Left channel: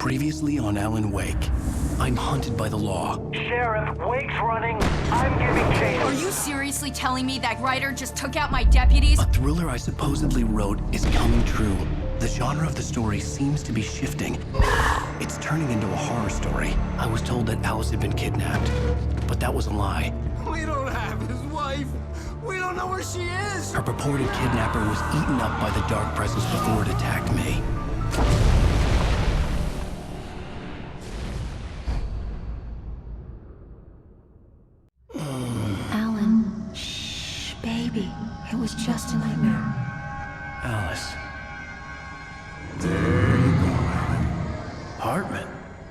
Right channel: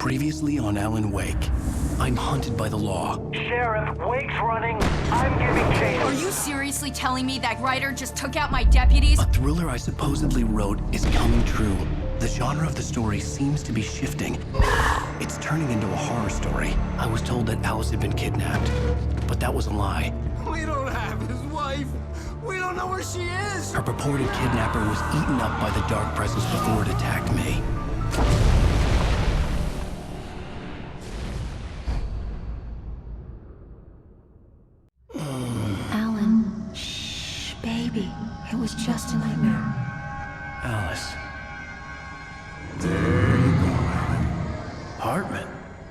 Previously on Alan Wake, I'm hunted by the law. Sheriff, Wake's running. I'm giving chase. Are you seriously telling me that writer just took out my deputies? A thriller I supposedly wrote is coming true. The genre of the story seems to be shifting. It's turning into a horror story. I was told that Alice had been kidnapped, but that was a lie. We don't have his wife. We don't know where she is. Her purported kidnapper was eaten up by the dark presence before it attacked me. Alan, shh, baby. It was just a nightmare. Alice. There you go, Alan. Hartman.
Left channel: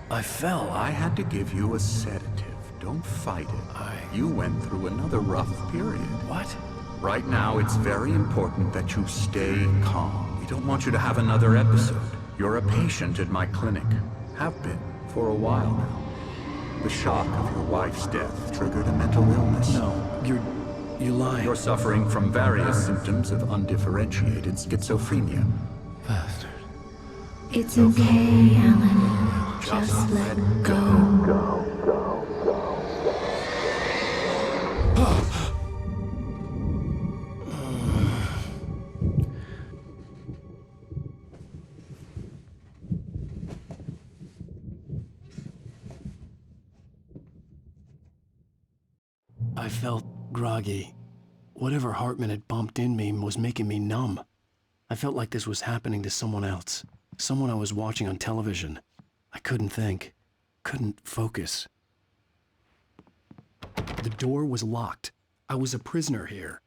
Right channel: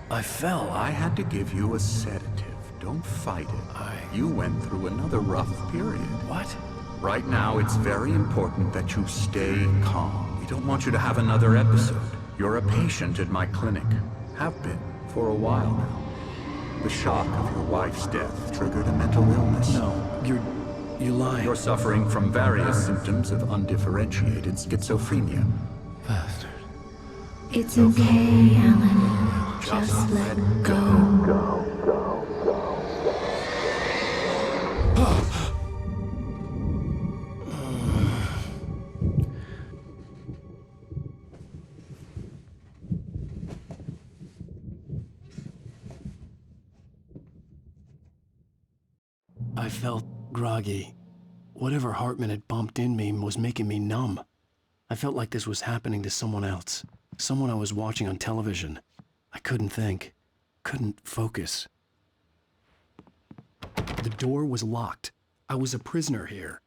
I fell. I had to give you a sedative. Don't fight it. You went through another rough period. What? Right now, it's very important that you stay calm. We don't want you to have another episode. You're a patient at my clinic. Have been for a while now. The shock of your wife's death triggered a mental illness. No, you're lying. You're suffering from various symptoms of undifferentiated schizophrenia. Bastard. It's okay, Alan. Just let go. I felt groggy. Whatever Hartman had bumped in me was making me numb. I felt like this was happening to someone else. Someone I was watching on television. I couldn't think. Couldn't focus. The door was locked. I was a prisoner here.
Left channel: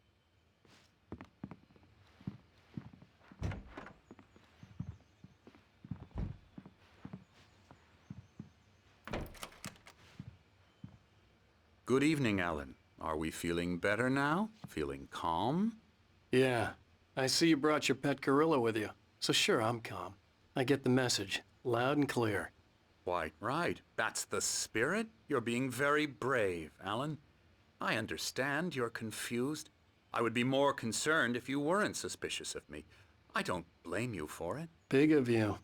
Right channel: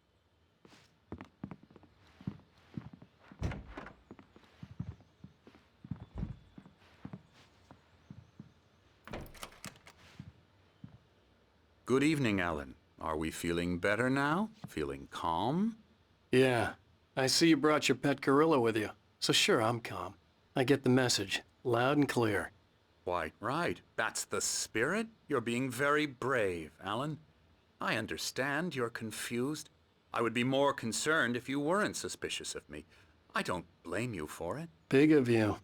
Good evening, Alan. Are we feeling better now? Feeling calm? Yeah, I see you brought your pet gorilla with you. So sure, I'm calm. I get the message, loud and clear. Quite right. That's the spirit. You're being very brave, Alan. I understand you're confused. I would be more concerned if you weren't suspicious of me. I don't blame you for it. Big of you.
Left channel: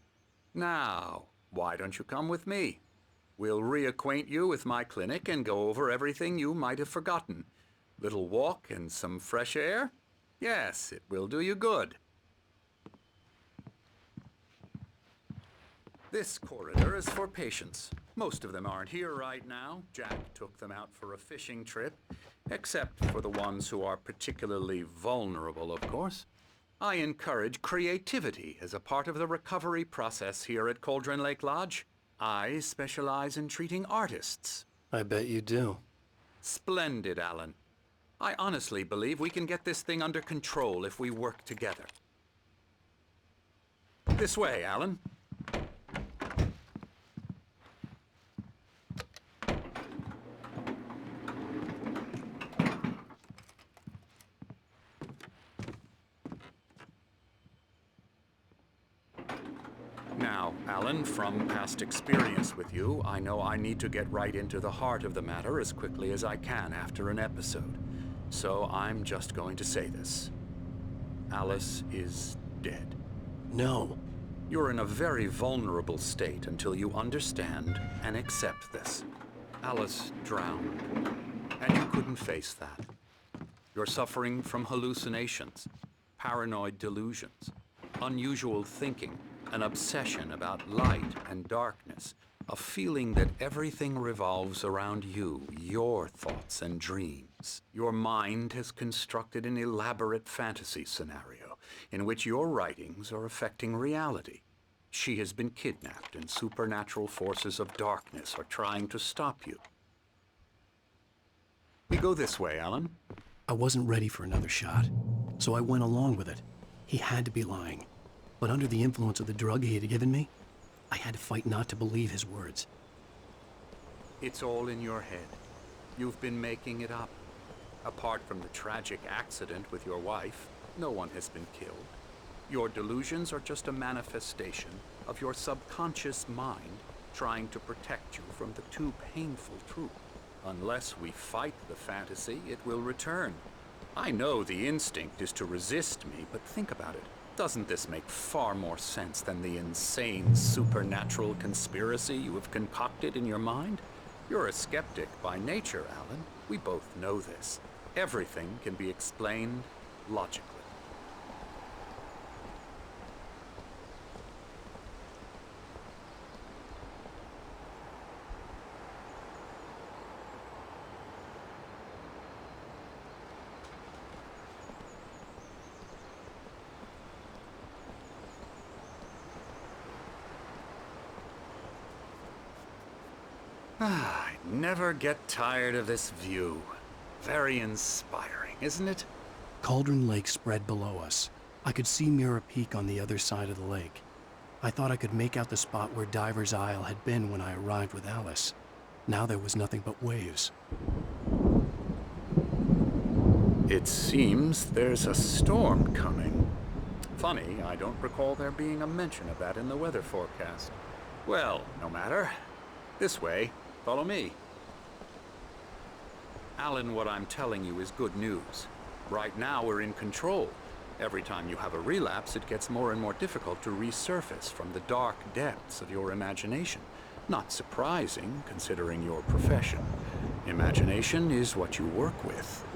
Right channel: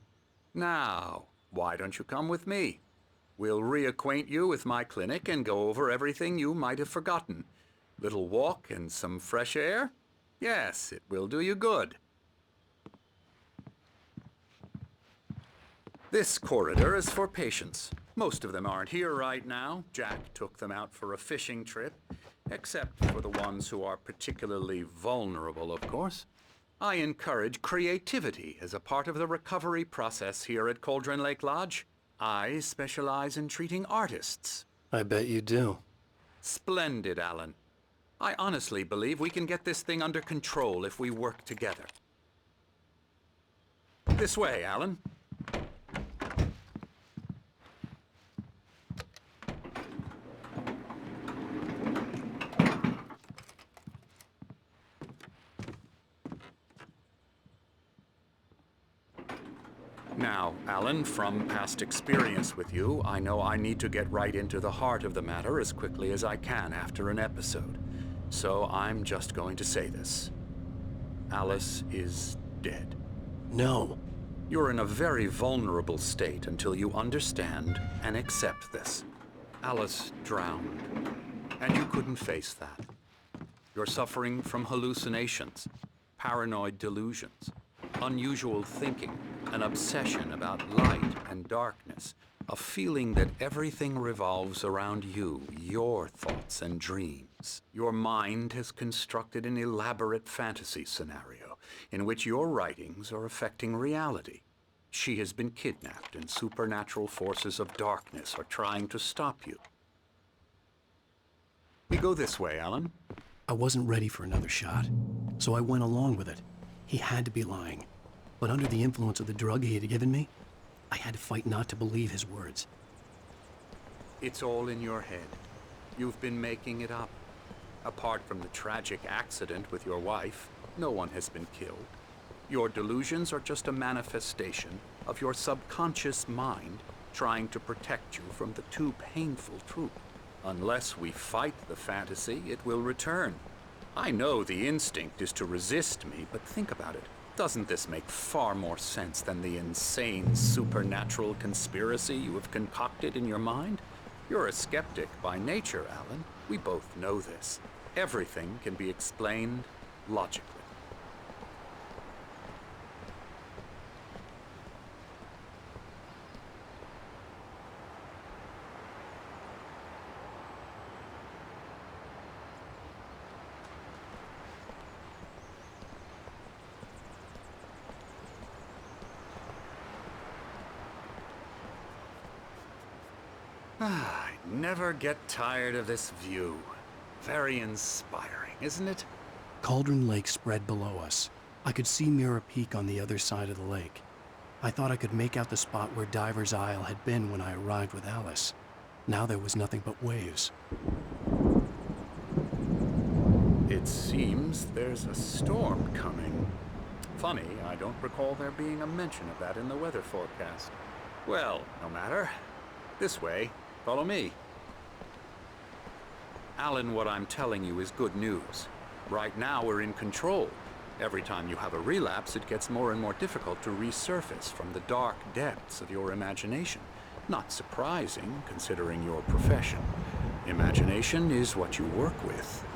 Now, why don't you come with me? We'll reacquaint you with my clinic and go over everything you might have forgotten. Little walk and some fresh air? Yes, it will do you good. This corridor is for patients. Most of them aren't here right now. Jack took them out for a fishing trip, except for the ones who are particularly vulnerable, of course. I encourage creativity as a part of the recovery process here at Cauldron Lake Lodge. I specialize in treating artists. I bet you do. Splendid, Alan. I honestly believe we can get this thing under control if we work together. This way, Alan. Now, Alan, from past experience with you, I know I need to get right into the heart of the matter as quickly as I can after an episode. So I'm just going to say this. Alice is dead. No. You're in a very vulnerable state until you understand and accept this. Alice drowned, and you couldn't face that. You're suffering from hallucinations, paranoid delusions, unusual thinking, an obsession about light and darkness, a feeling that everything revolves around you, your thoughts and dreams. Your mind has constructed an elaborate fantasy scenario in which your writings are affecting reality. She has been kidnapped and supernatural forces of darkness are trying to stop you. We go this way, Alan. I wasn't ready for another shot, so I went along with it. He had to be lying. But under the influence of the drug he had given me, I had to fight not to believe his words. It's all in your head. You've been making it up. Apart from the tragic accident with your wife, no one has been killed. Your delusions are just a manifestation of your subconscious mind trying to protect you from the too painful truth. Unless we fight the fantasy, it will return. I know the instinct is to resist me, but think about it. Doesn't this make far more sense than the insane supernatural conspiracy you have concocted in your mind? You're a skeptic by nature, Alan. We both know this. Everything can be explained logically. I never get tired of this view. Very inspiring, isn't it? Cauldron Lake spread below us. I could see Mirror Peak on the other side of the lake. I thought I could make out the spot where Diver's Isle had been when I arrived with Alice. Now there was nothing but waves. It seems there's a storm coming. Funny, I don't recall there being a mention of that in the weather forecast. Well, no matter. This way. Follow me. Alan, what I'm telling you is good news. Right now we're in control. Every time you have a relapse, it gets more and more difficult to resurface from the dark depths of your imagination. Not surprising, considering your profession. Imagination is what you work with.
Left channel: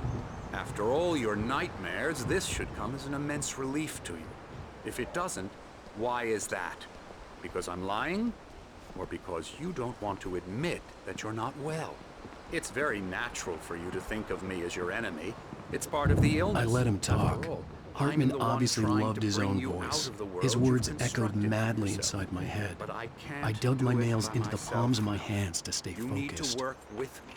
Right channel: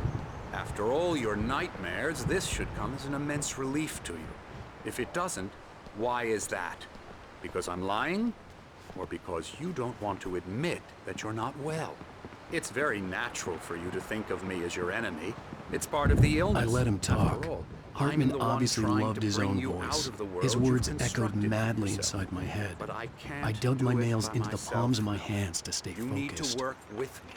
After all your nightmares, this should come as an immense relief to you. If it doesn't, why is that? Because I'm lying? Or because you don't want to admit that you're not well? It's very natural for you to think of me as your enemy. It's part of the illness. I let him talk. After all, Hartman I'm the one obviously trying loved to his bring own you voice. out of the world His you've words echoed constructed for madly yourself. inside my head. But I can't I dug do my it nails by into the myself. palms of my hands to stay You need focused. to work with me.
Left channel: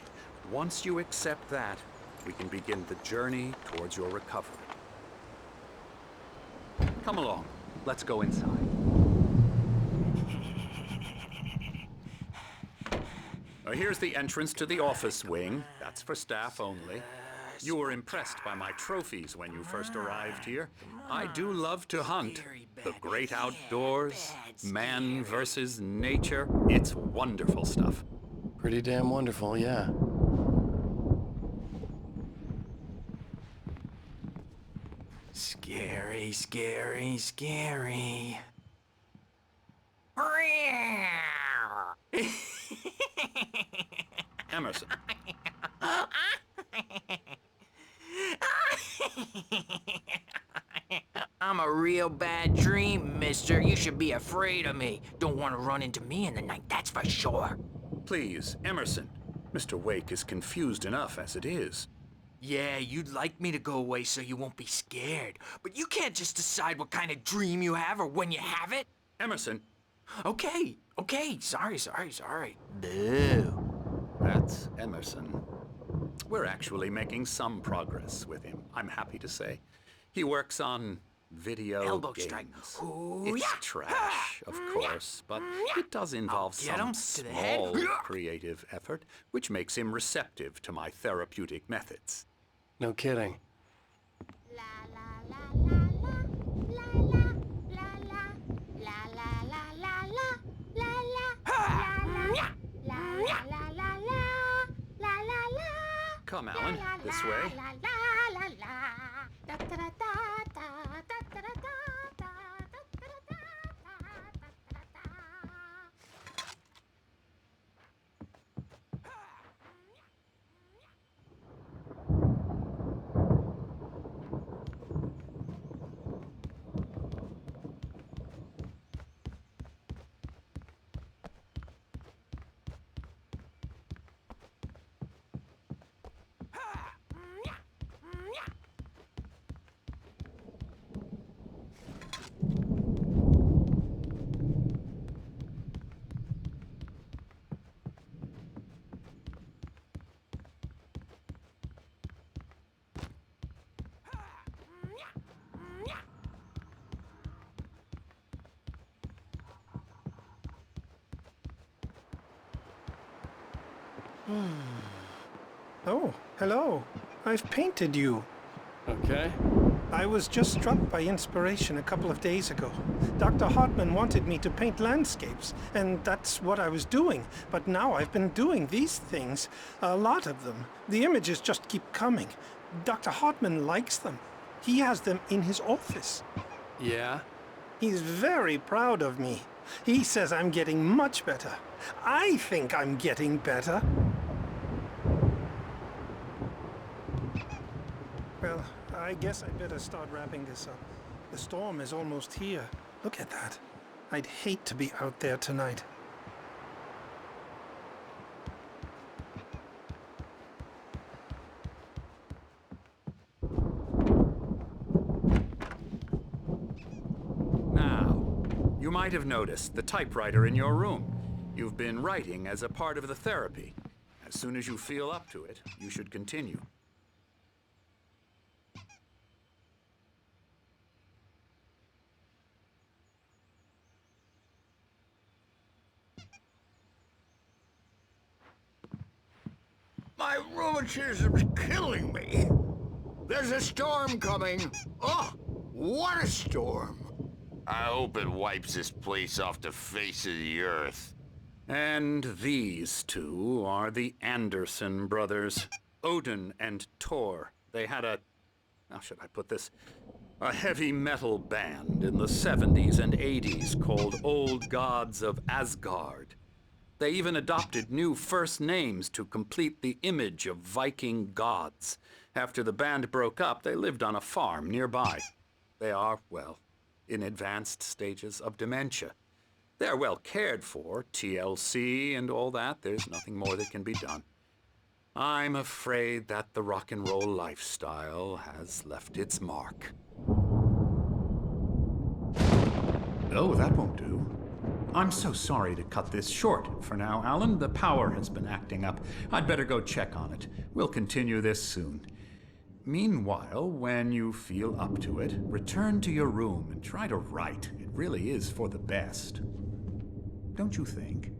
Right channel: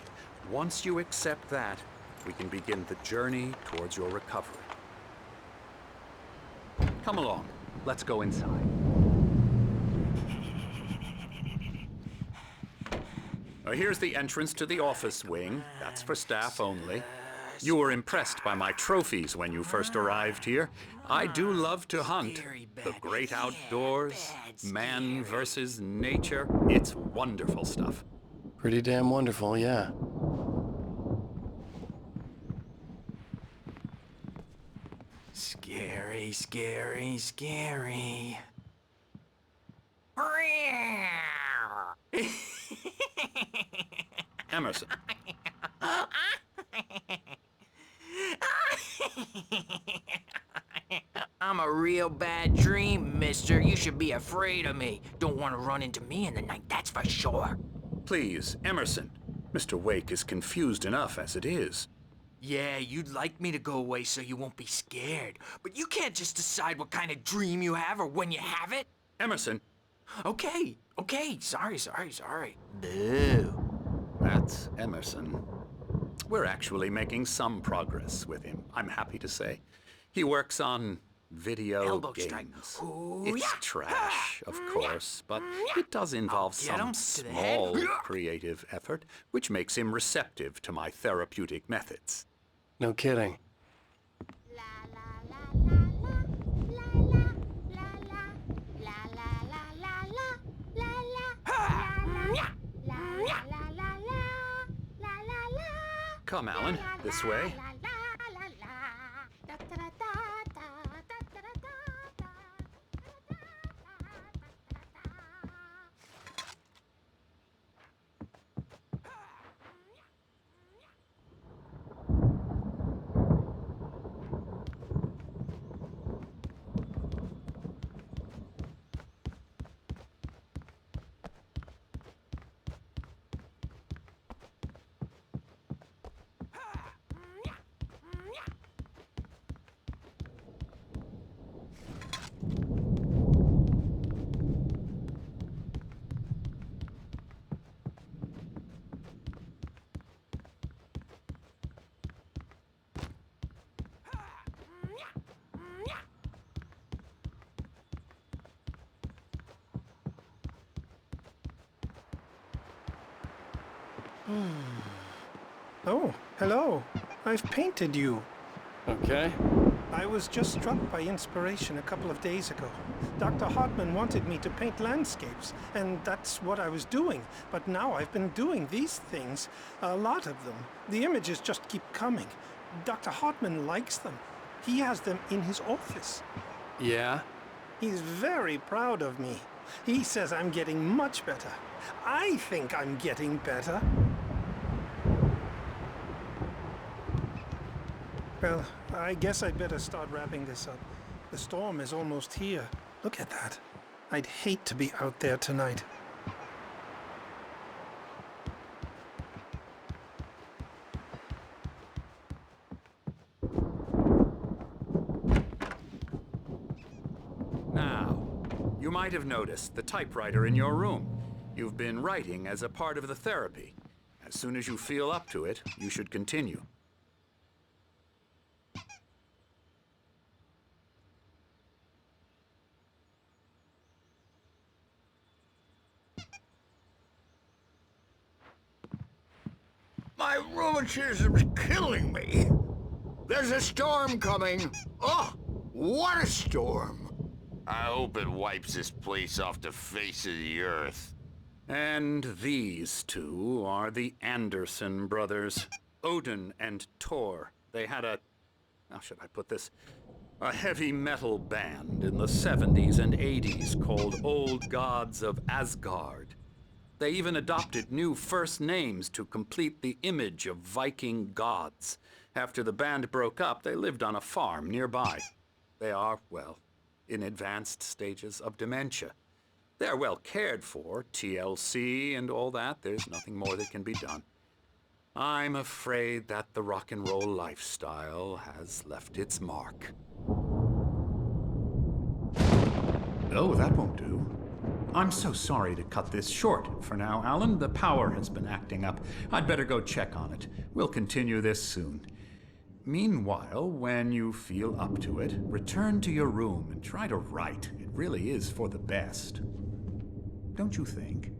Once you accept that, we can begin the journey towards your recovery. Come along. Let's go inside. Here's the entrance to the office wing. That's for staff only. You were impressed by my trophies when you first arrived here. I do love to hunt. The great outdoors, man versus nature. It's wonderful stuff. Pretty damn wonderful, yeah. Scary, scary, scary. Emerson. I'm a real bad dream, mister. You should be afraid of me. Don't want to run into me in the night, that's for sure. Please, Emerson. Mr. Wake is confused enough as it is. Yeah, you'd like me to go away so you won't be scared. But you can't just decide what kind of dream you have or when you have it. Emerson. Okay, sorry. Boo. That's Emerson. We're actually making some progress with him, I'm happy to say. He works on video Elbow games. strike. Ooh, It's yeah. trash, of course, but it does involve Get him some to the head. small creative effort, which makes him receptive to my therapeutic methods. No kidding. Come, Alan, this way. Oh, hello. I've painted you. Okay. I was just struck by inspiration a couple of days ago. Dr. Hartman wanted me to paint landscapes, and that's what I was doing. But now I've been doing these things, a lot of them. The images just keep coming. Dr. Hartman likes them. He has them in his office. Yeah? He's very proud of me. He says I'm getting much better. I think I'm getting better. Well, I guess I'd better start wrapping this up. The storm is almost here. Look at that. I'd hate to be out there tonight. Now, you might have noticed the typewriter in your room. You've been writing as a part of the therapy. As soon as you feel up to it, you should continue. My rheumatism's killing me. There's a storm coming. Oh, what a storm. I hope it wipes this place off the face of the earth. And these two are the Anderson brothers, Odin and Tor. They had how should I put this? A heavy metal band in the 70s and 80s called Old Gods of Asgard. They even adopted new first names to complete the image of Viking gods. After the band broke up, they lived on a farm nearby. They are, well, in advanced stages of dementia. They're well cared for, TLC and all that. There's nothing more that can be done. I'm afraid that the rock and roll lifestyle has left its mark. Oh, that won't do. I'm so sorry to cut this short. For now, Alan, the power has been acting up. I'd better go check on it. We'll continue this soon. Meanwhile, when you feel up to it, return to your room and try to write. It really is for the best. Don't you think?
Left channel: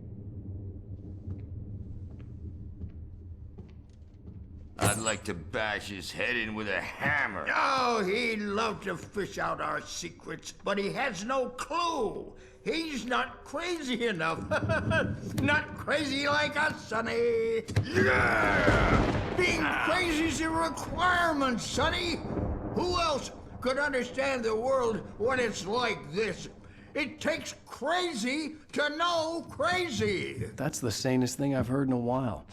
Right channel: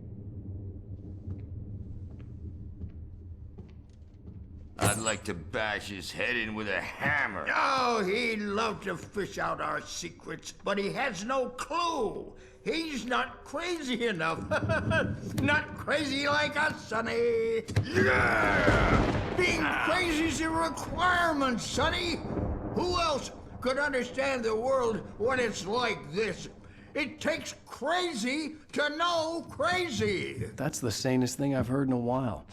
I'd like to bash his head in with a hammer. Oh, he'd love to fish out our secrets, but he has no clue. He's not crazy enough. Not crazy like us, Sonny. Yeah! Being crazy's a requirement, Sonny. Who else could understand the world when it's like this? It takes crazy to know crazy. That's the sanest thing I've heard in a while.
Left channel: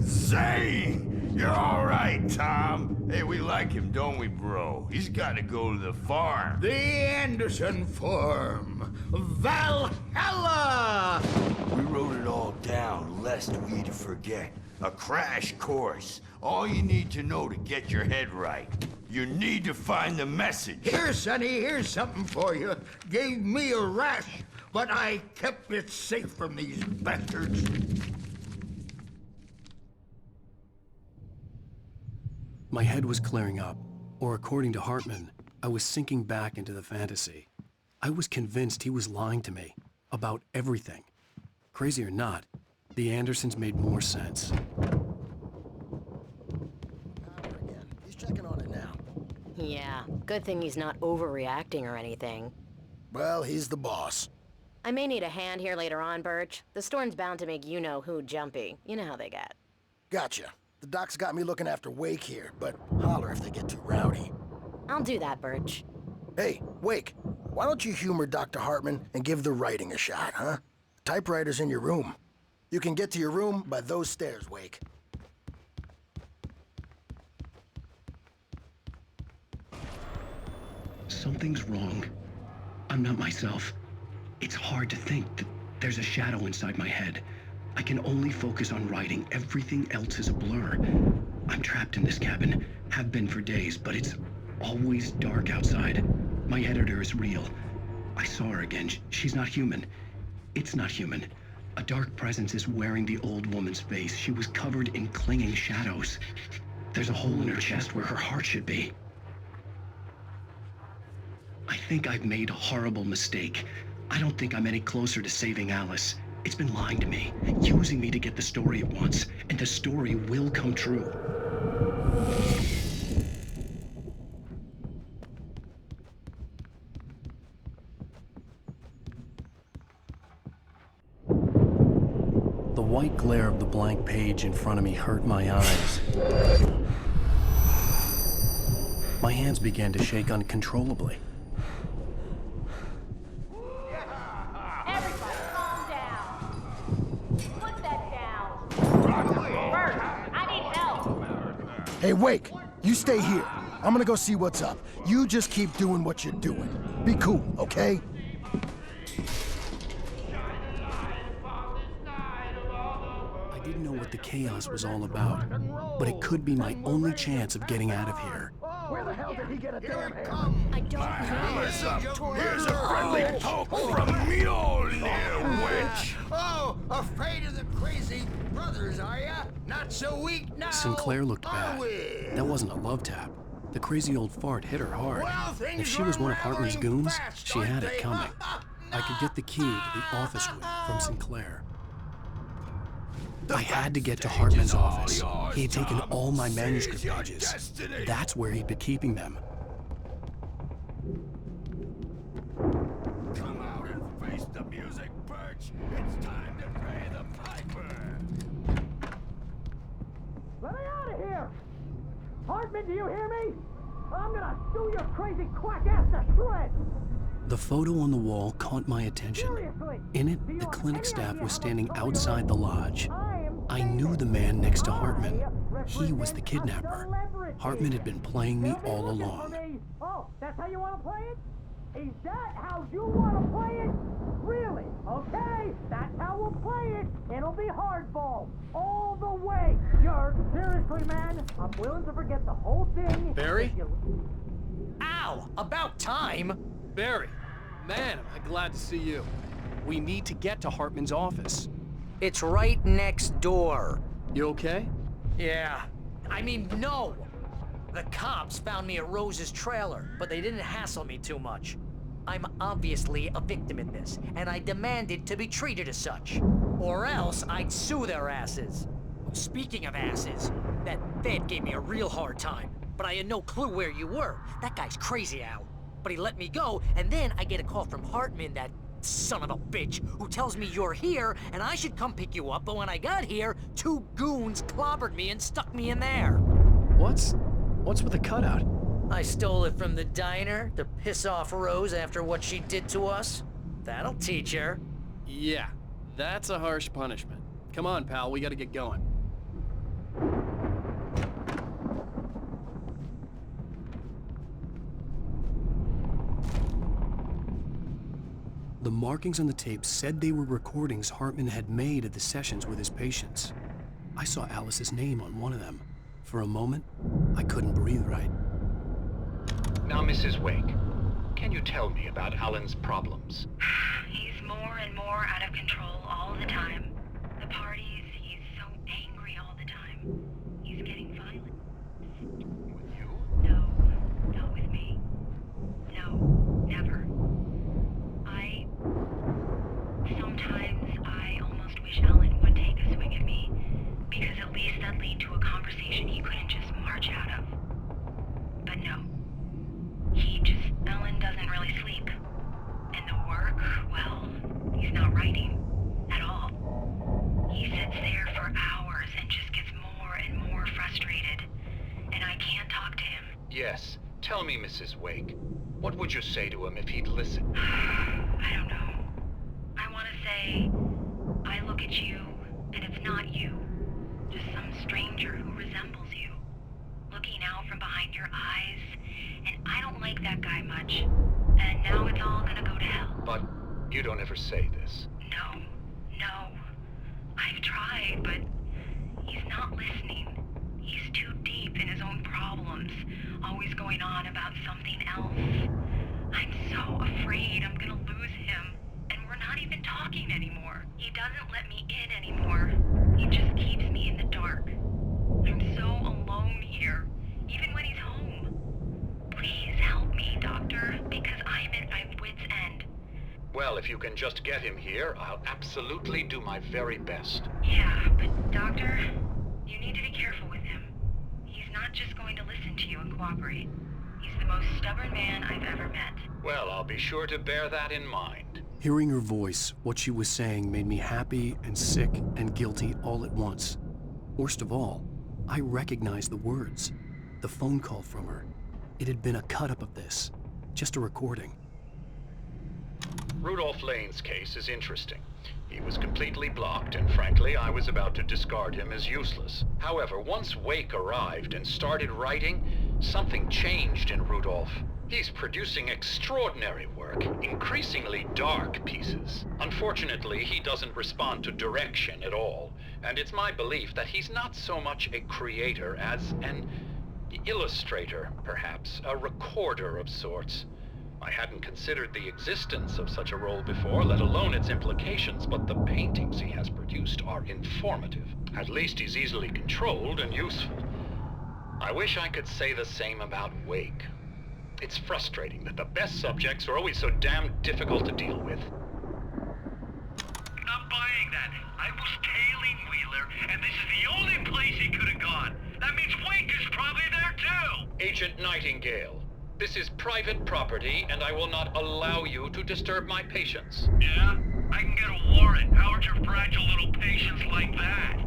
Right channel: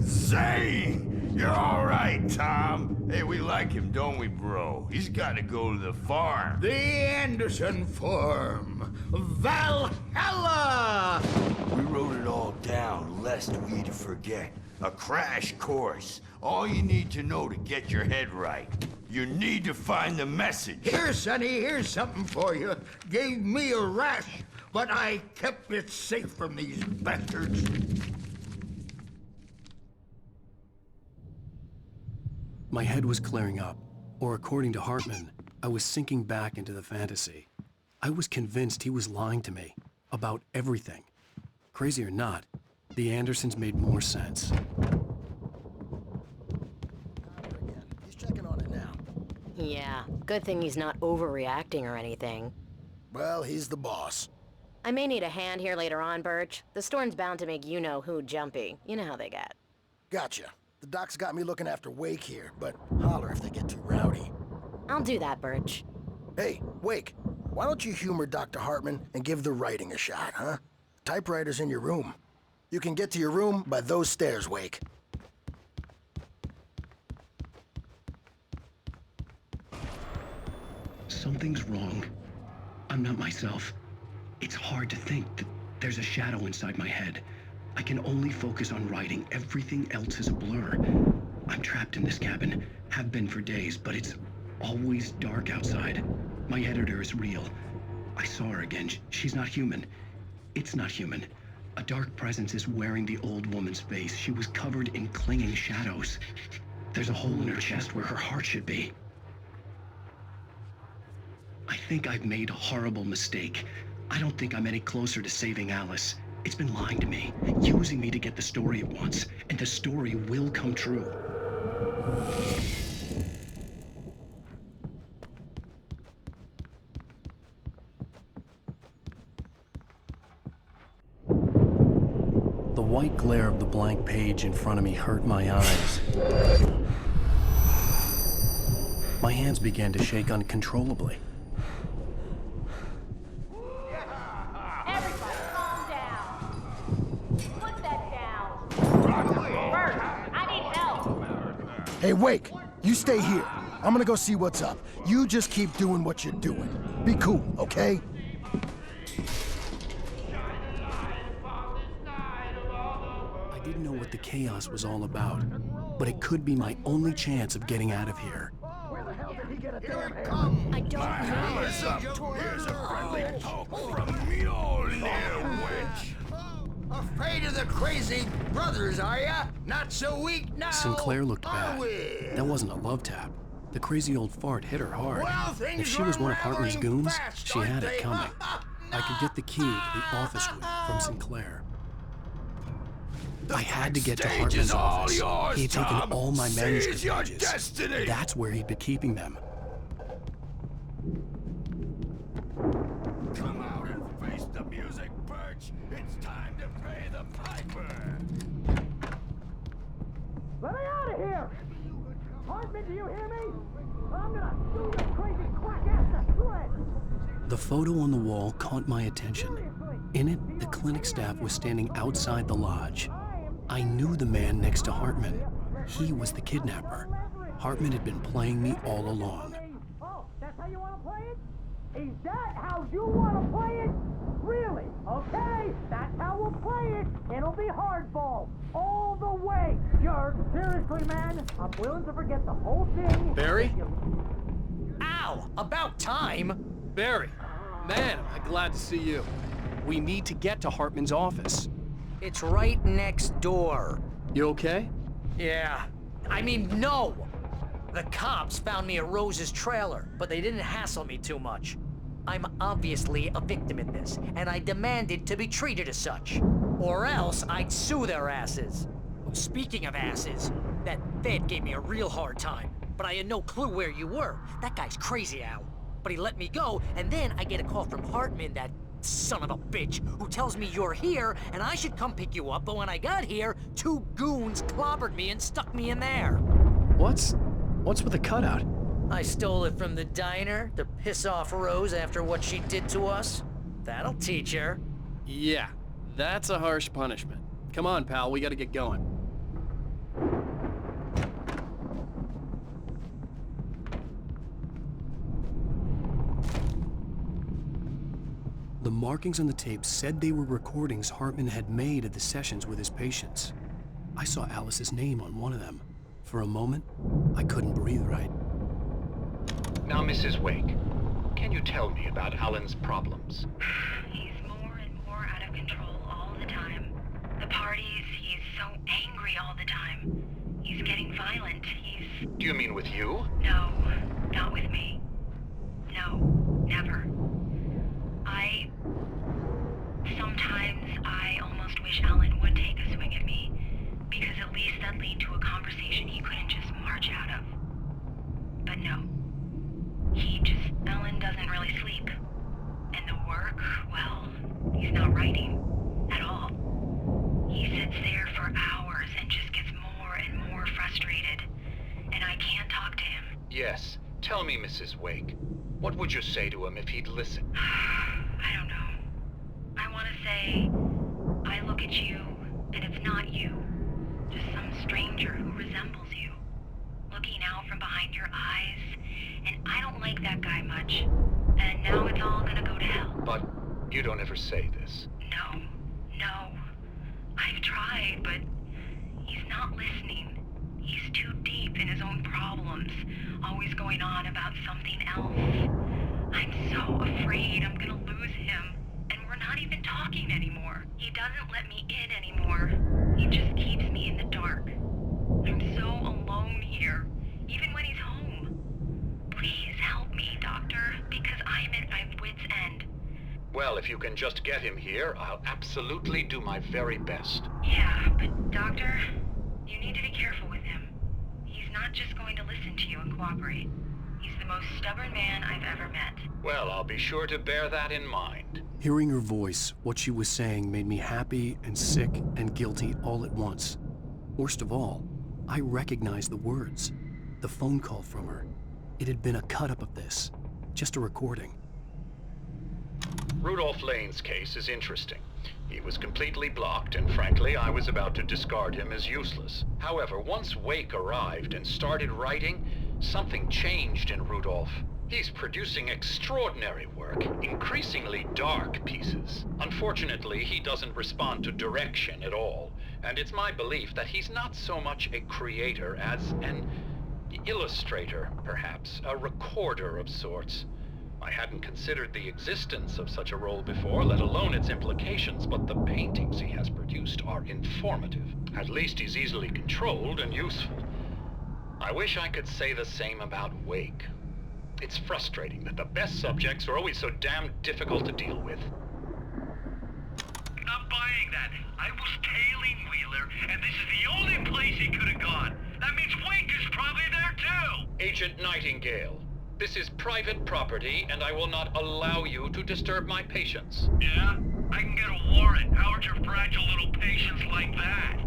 Zane! You're all right, Tom. Hey, we like him, don't we, bro? He's got to go to the farm. The Anderson Farm. Valhalla! We wrote it all down, lest we forget. A crash course. All you need to know to get your head right. You need to find the message. Here, Sonny, here's something for you. Gave me a rash, but I kept it safe from these bastards. My head was clearing up, or according to Hartman, I was sinking back into the fantasy. I was convinced he was lying to me about everything. Crazy or not, the Andersons made more sense. He's checking on it now. Yeah, good thing he's not overreacting or anything. Well, he's the boss. I may need a hand here later on, Birch. The storm's bound to make you-know-who jumpy. You know how they get. Gotcha. The doc's got me looking after Wake here, but holler if they get too rowdy. I'll do that, Birch. Hey, Wake, why don't you humor Dr. Hartman and give the writing a shot, huh? Typewriter's in your room. You can get to your room by those stairs, Wake. Something's wrong. I'm not myself. It's hard to think that there's a shadow inside my head. I can only focus on writing. Everything else is a blur. I'm trapped in this cabin. Have been for days, but it's always dark outside. My editor is real. I saw her again. She's not human. It's not human. A dark presence is wearing the old woman's face. She was covered in clinging shadows. There's a hole in her chest where her heart should be. I think I've made a horrible mistake. I don't think I'm any closer to saving Alice. It's been lying to me, using me to get the story it wants, and the story will come true. The white glare of the blank page in front of me hurt my eyes. My hands began to shake uncontrollably. Everybody, calm down. Put that down. Bert, I need help. Hey, Wake, you stay here. I'm gonna go see what's up. You just keep doing what you're doing. Be cool, okay? I didn't know what the chaos was all about, but it could be my only chance of getting out of here. Where the hell did he get a damn hammer? I don't know. Hammer's up. Here's a friendly poke from Mjolnir, wench. Oh, afraid of the crazy brothers, are ya? Not so weak now, Sinclair looked are bad. we? That wasn't a love tap. The crazy old fart hit her hard. Well, If things she was were one of Hartman's rattling goons, fast, she had aren't it they? coming. I could get the key to the office room from Sinclair. I had to get to Hartman's office. He had taken all my manuscript pages. That's where he'd been keeping them. Come out and face the music, Birch. It's time to pay the piper. Let me out of here! Hartman, do you hear me? I'm gonna sue your crazy quack ass to shreds! The photo on the wall caught my attention. In it, the clinic staff was standing outside the lodge. I knew the man next to Hartman. He was the kidnapper. Hartman had been playing me all along. Oh, that's how you want to play it? Is that how you want to play it? Really? Okay, that's how we'll play it. It'll be hardball. All the way. Seriously, man, I'm willing to forget the whole thing. Barry? Ow! About time! Barry, man, am I glad to see you. We need to get to Hartman's office. It's right next door. You okay? Yeah. I mean, no! The cops found me at Rose's trailer, but they didn't hassle me too much. I'm obviously a victim in this, and I demanded to be treated as such. Or else I'd sue their asses. Speaking of asses, that Fed gave me a real hard time, but I had no clue where you were. That guy's crazy, Al. But he let me go, and then I get a call from Hartman, that son of a bitch, who tells me you're here and I should come pick you up, but when I got here, 2 goons clobbered me and stuck me in there. What's with the cutout? I stole it from the diner to piss off Rose after what she did to us. That'll teach her. Yeah, that's a harsh punishment. Come on, pal, we gotta get going. The markings on the tape said they were recordings Hartman had made of the sessions with his patients. I saw Alice's name on one of them. For a moment, I couldn't breathe right. Now, Mrs. Wake, can you tell me about Alan's problems? He's more and more out of control all the time. The parties, he's so angry all the time. He's getting violent. Do you mean with you? No, not with me. No, never. Sometimes I almost wish Alan would take a swing at me, because at least that'd lead to a conversation he couldn't just march out of. But no. Alan doesn't really sleep. And the work, well, he's not writing at all. He sits there for hours and just gets more and more frustrated. And I can't talk to him. Yes. Tell me, Mrs. Wake, what would you say to him if he'd listen? I don't know. I want to say, I look at you, and it's not you. Just some stranger who resembles you. Looking out from behind your eyes, and I don't like that guy much. And now it's all gonna go to hell. But you don't ever say this. No. I've tried, but he's not listening. He's too deep in his own problems, always going on about something else. I'm so afraid I'm gonna lose him, and we're not even talking anymore. He doesn't let me in anymore. He just keeps me in the dark. I'm so alone here, even when he's home. Please help me, Doctor, because I'm at my wit's end. Well, if you can just get him here, I'll absolutely do my very best. Yeah, but Doctor, you need to be careful with him. He's not just going to listen to you and cooperate. He's the most stubborn man I've ever met. Well, I'll be sure to bear that in mind. Hearing her voice, what she was saying made me happy and sick and guilty all at once. Worst of all, I recognized the words. The phone call from her. It had been a cut-up of this. Just a recording. Rudolph Lane's case is interesting. He was completely blocked, and frankly, I was about to discard him as useless. However, once Wake arrived and started writing, something changed in Rudolph. He's producing extraordinary work, increasingly dark pieces. Unfortunately, he doesn't respond to direction at all, and it's my belief that he's not so much a creator as an illustrator, perhaps, a recorder of sorts. I hadn't considered the existence of such a role before, let alone its implications, but the paintings he has produced are informative. At least he's easily controlled and useful. I wish I could say the same about Wake. It's frustrating that the best subjects are always so damn difficult to deal with. Not buying that. I was tailing Wheeler, and this is the only place he could have gone. That means Wake is probably there too! Agent Nightingale, this is private property, and I will not allow you to disturb my patients. Yeah? I can get a warrant. How would your fragile little patients like that?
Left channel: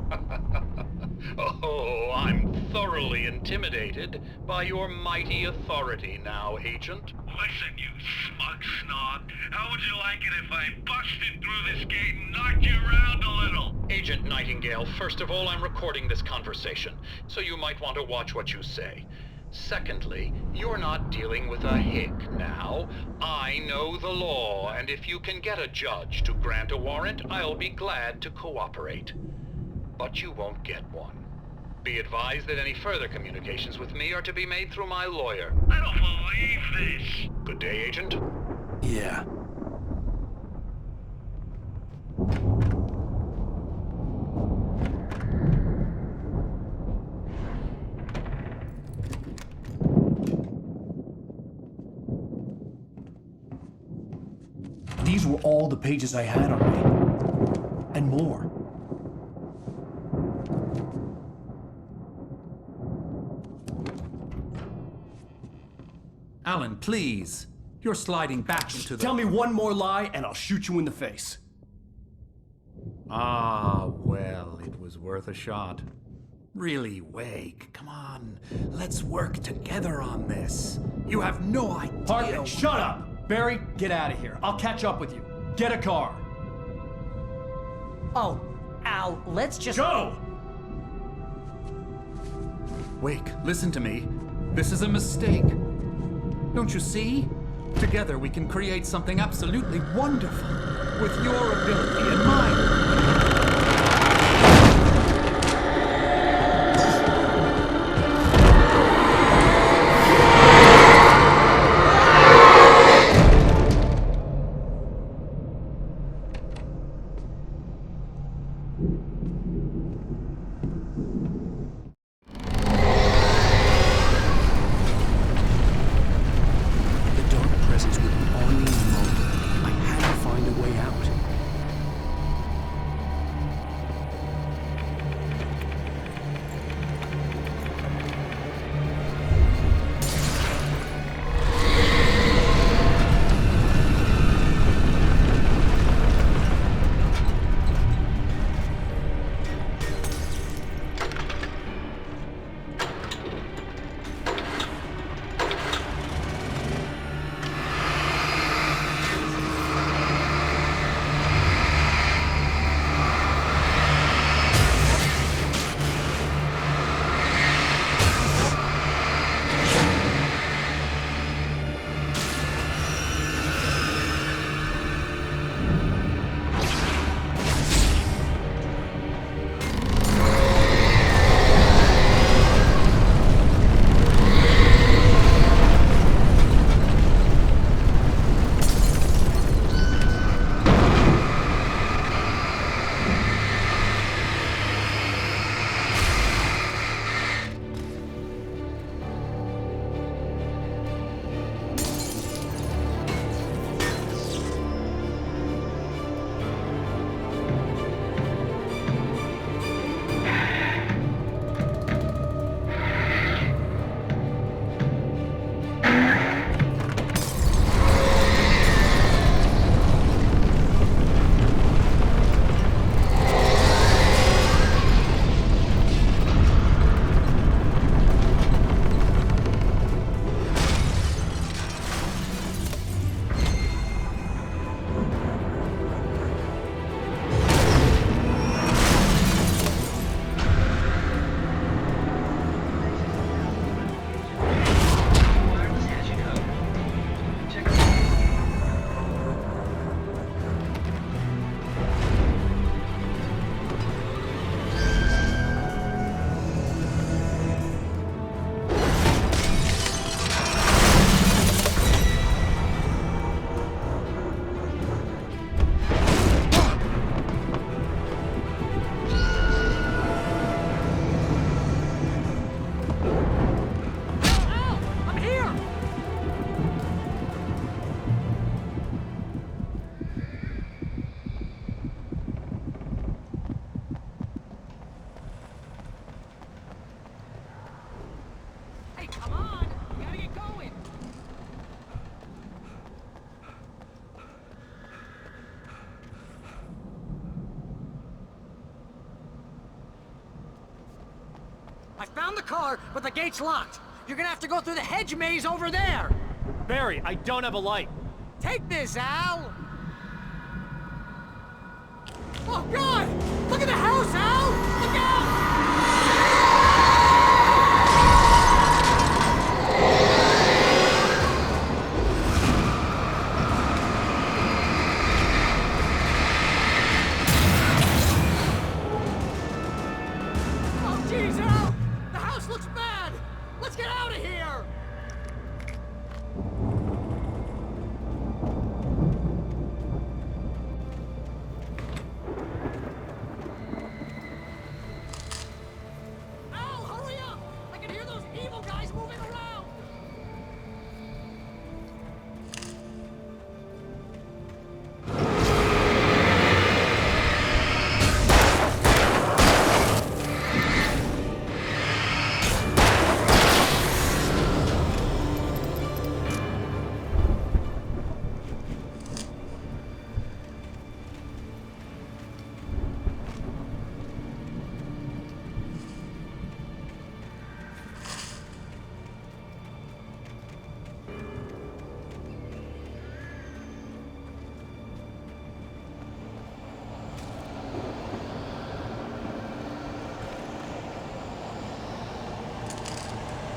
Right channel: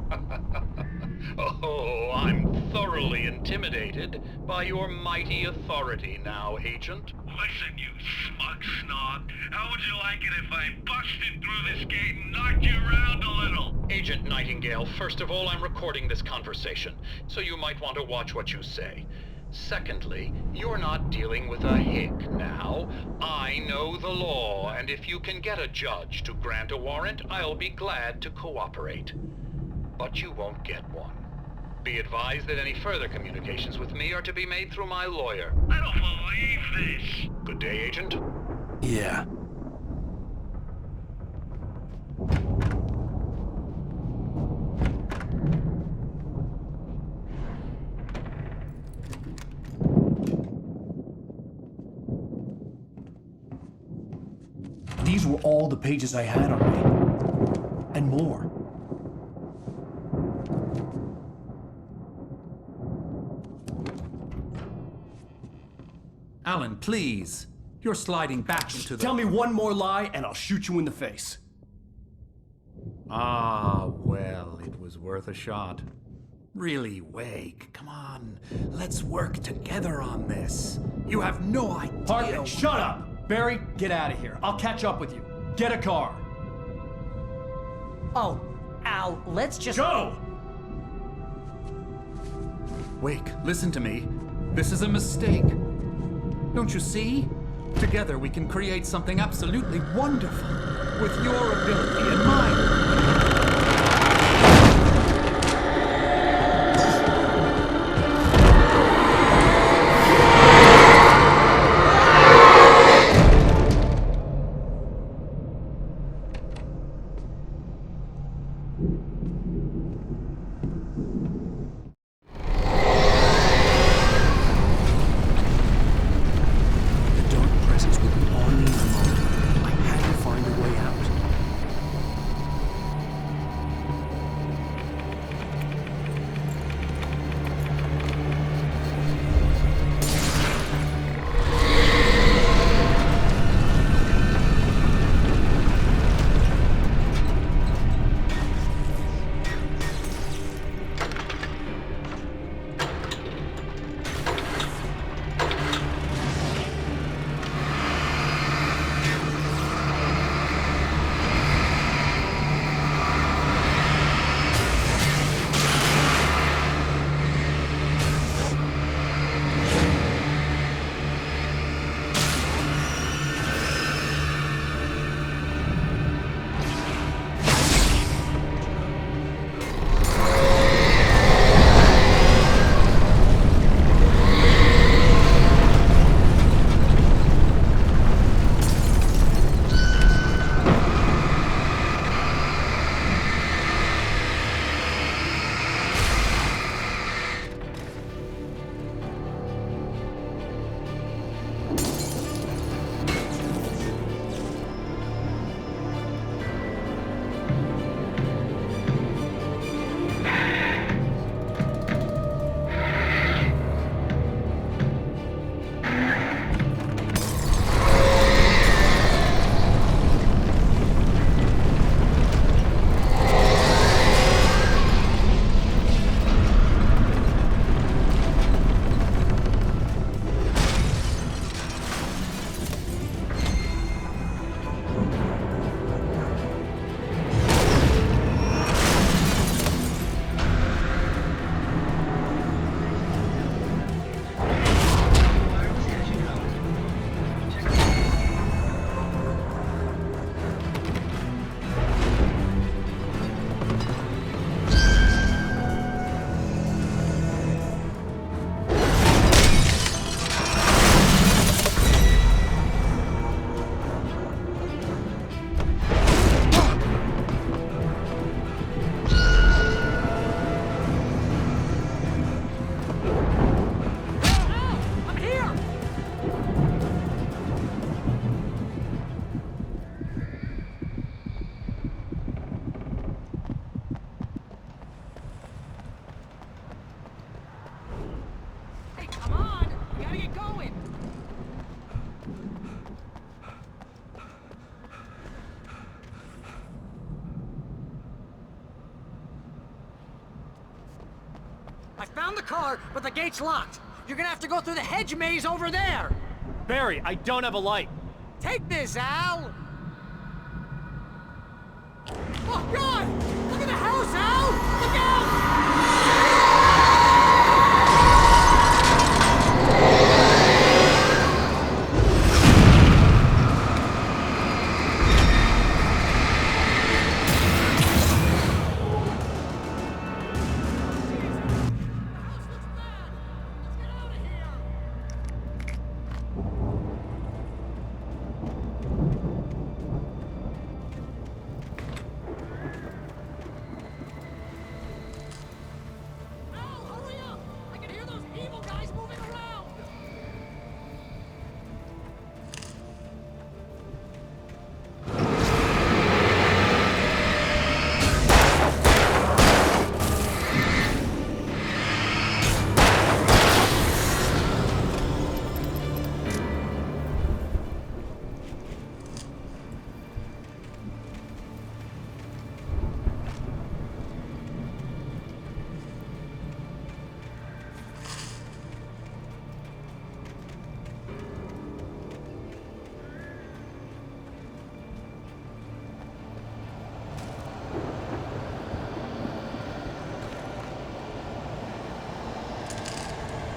Oh, I'm thoroughly intimidated by your mighty authority now, Agent. Listen, you smug snob. How would you like it if I busted through this gate and knocked you around a little? Agent Nightingale, first of all, I'm recording this conversation, so you might want to watch what you say. Secondly, you're not dealing with a hick now. I know the law, and if you can get a judge to grant a warrant, I'll be glad to cooperate. But you won't get one. Be advised that any further communications with me are to be made through my lawyer. I don't believe this. Good day, Agent. Yeah. These were all the pages I had on me. And more. Alan, please. You're sliding back into the... Tell me one more lie and I'll shoot you in the face. Ah, well, it was worth a shot. Really, Wake, come on. Let's work together on this. You have no idea... Hartman, shut up! Barry, get out of here. I'll catch up with you. Get a car. Oh, Al, let's just... Go! Wake, listen to me. This is a mistake. Don't you see? Together we can create something absolutely wonderful. With your ability and mine. I found the car, but the gate's locked. You're gonna have to go through the hedge maze over there. Barry, I don't have a light. Take this, Al! Oh, God! Look at the house, Al! Look out! Oh, jeez, Al! The house looks bad! Let's get out of here! Al, hurry up! I can hear those evil guys moving around!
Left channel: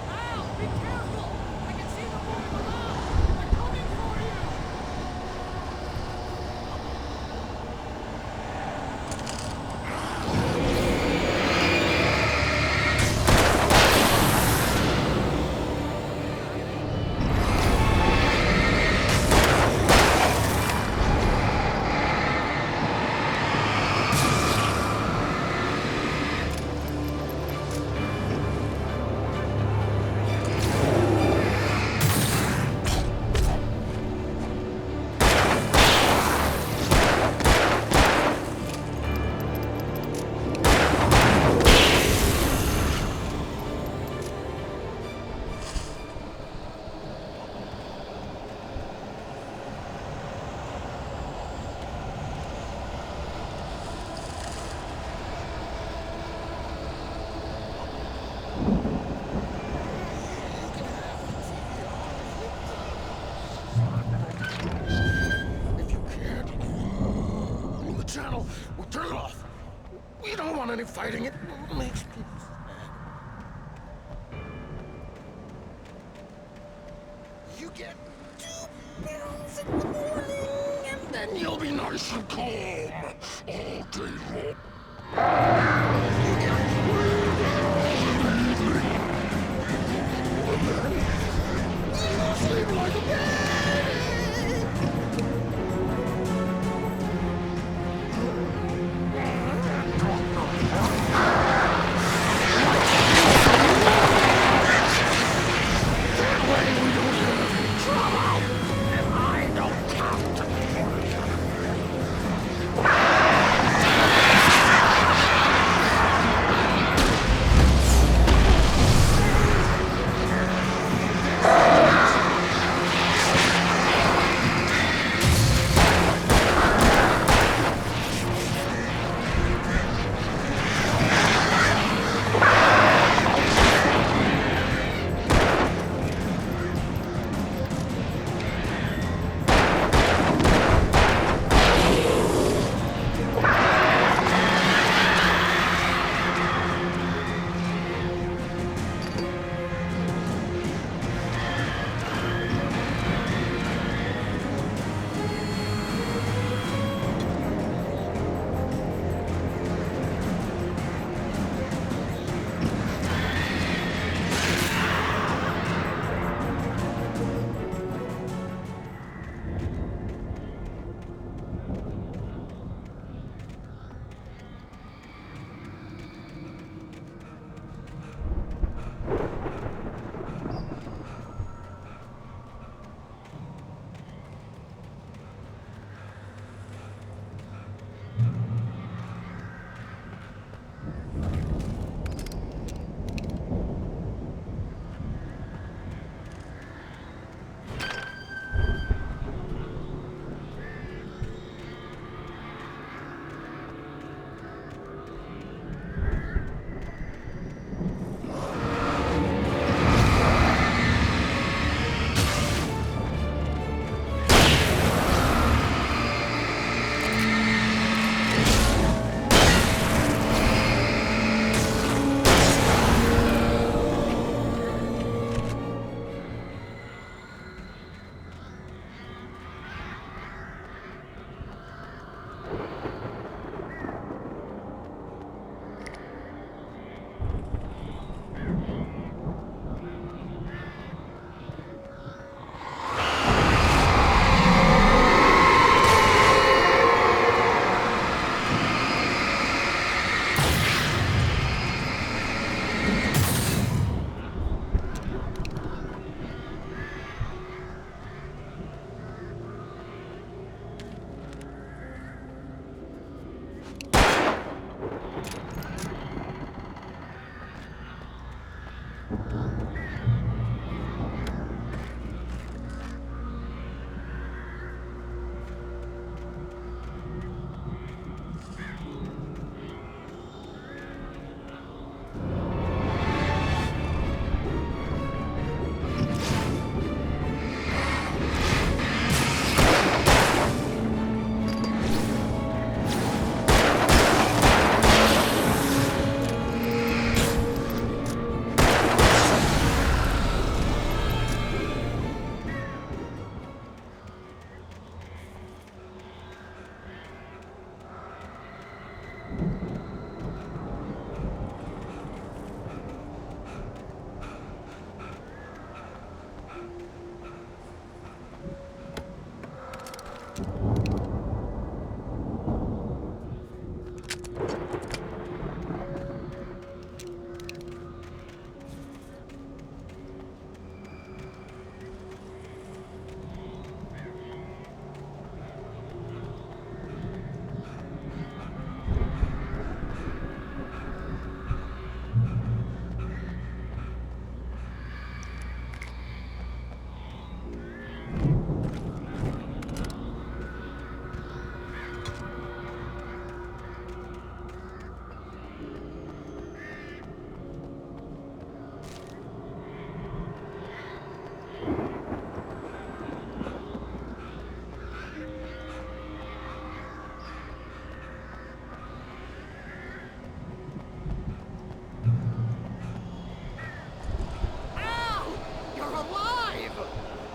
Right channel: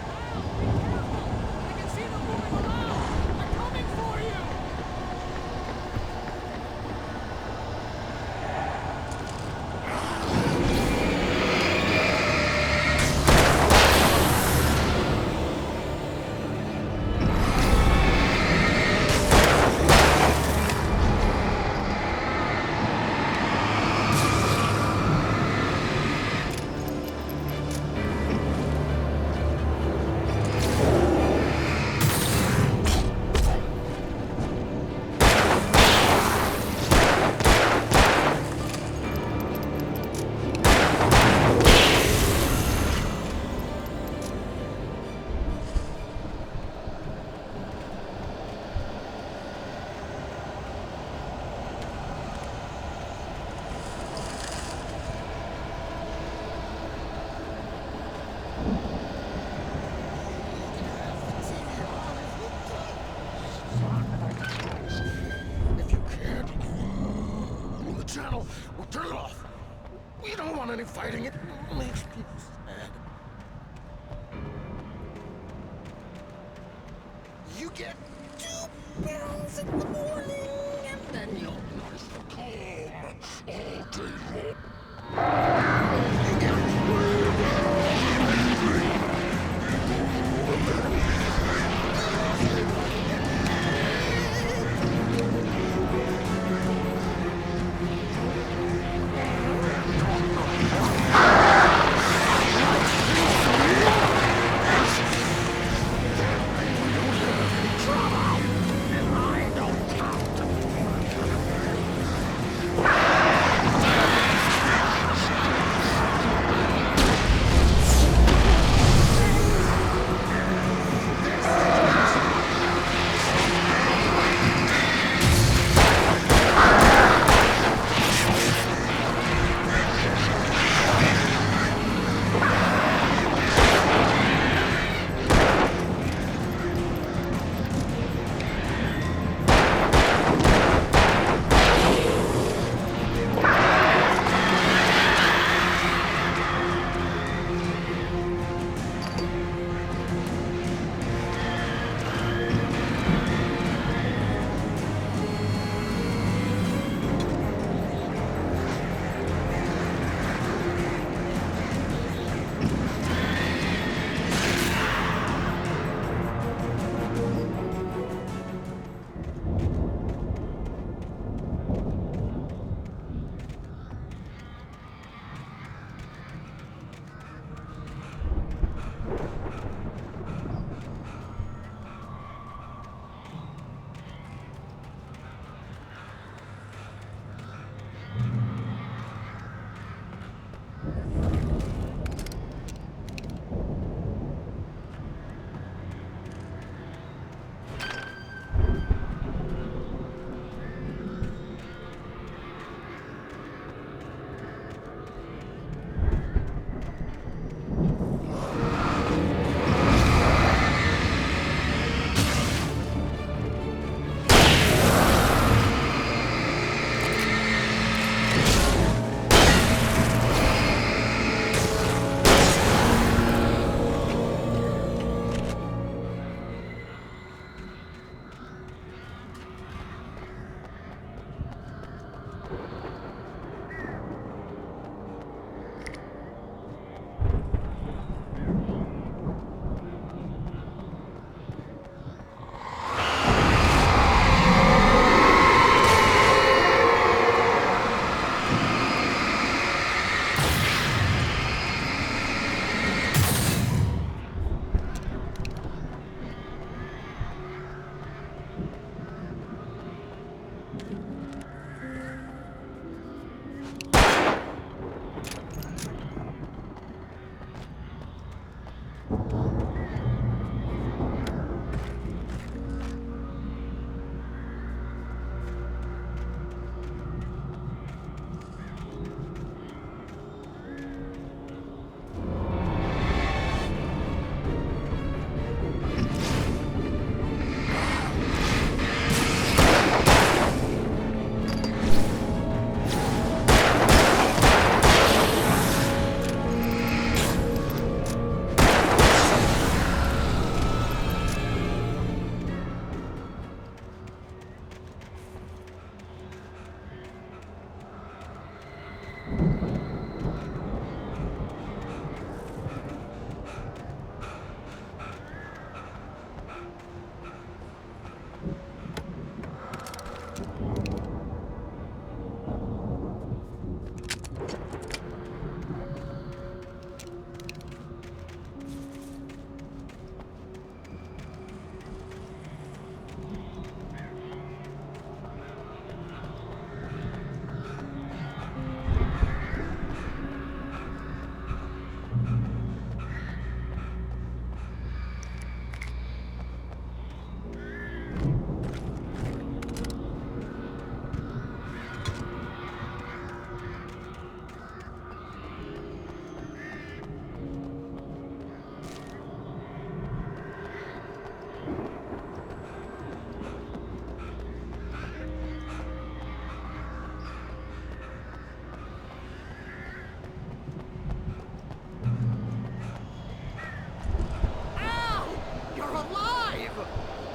Al, be careful! I can see them moving around! They're coming for you! If you can't move the channel, we'll turn it off. We don't want any fighting. It makes people sad. You get 2 pills in the morning, and then you'll be nice and calm all day long. You get 3 pills, and then you'll sleep like a baby.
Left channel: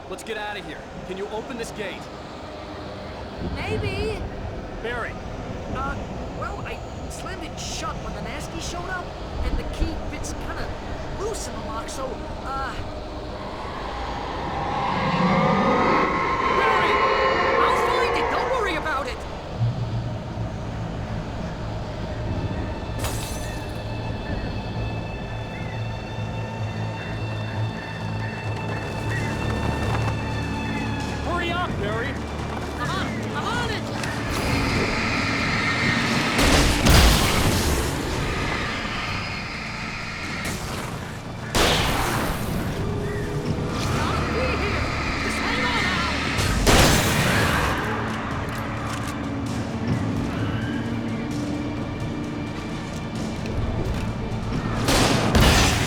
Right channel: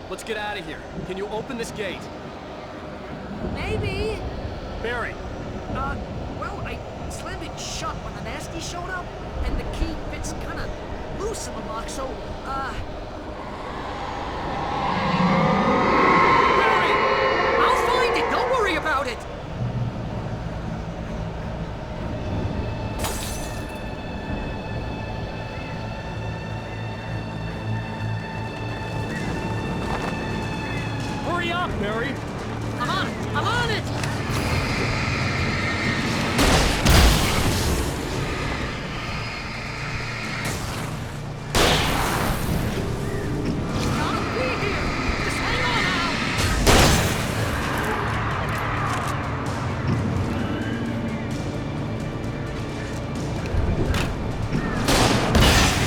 let's get out of here. Can you open this gate? Maybe. Barry! Well, I slammed it shut when the nasty showed up, and the key fits kind of loose in the lock, so, Barry! I'll find it, don't worry about it! Hurry up, Barry! I'm on it! I'm on it! Gotta be here! Just hang on now!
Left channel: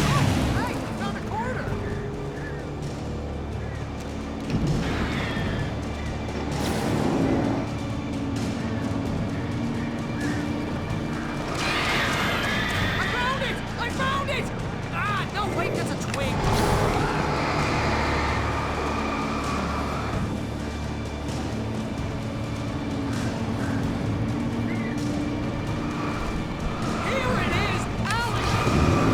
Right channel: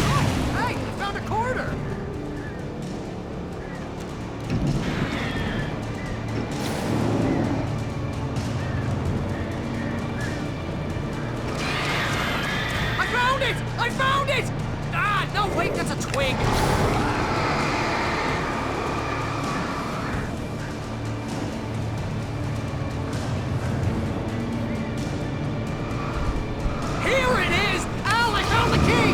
Oh, hey, I found a quarter! I found it! Ah, no, wait, that's a twig. Here it is! Al, I found the key!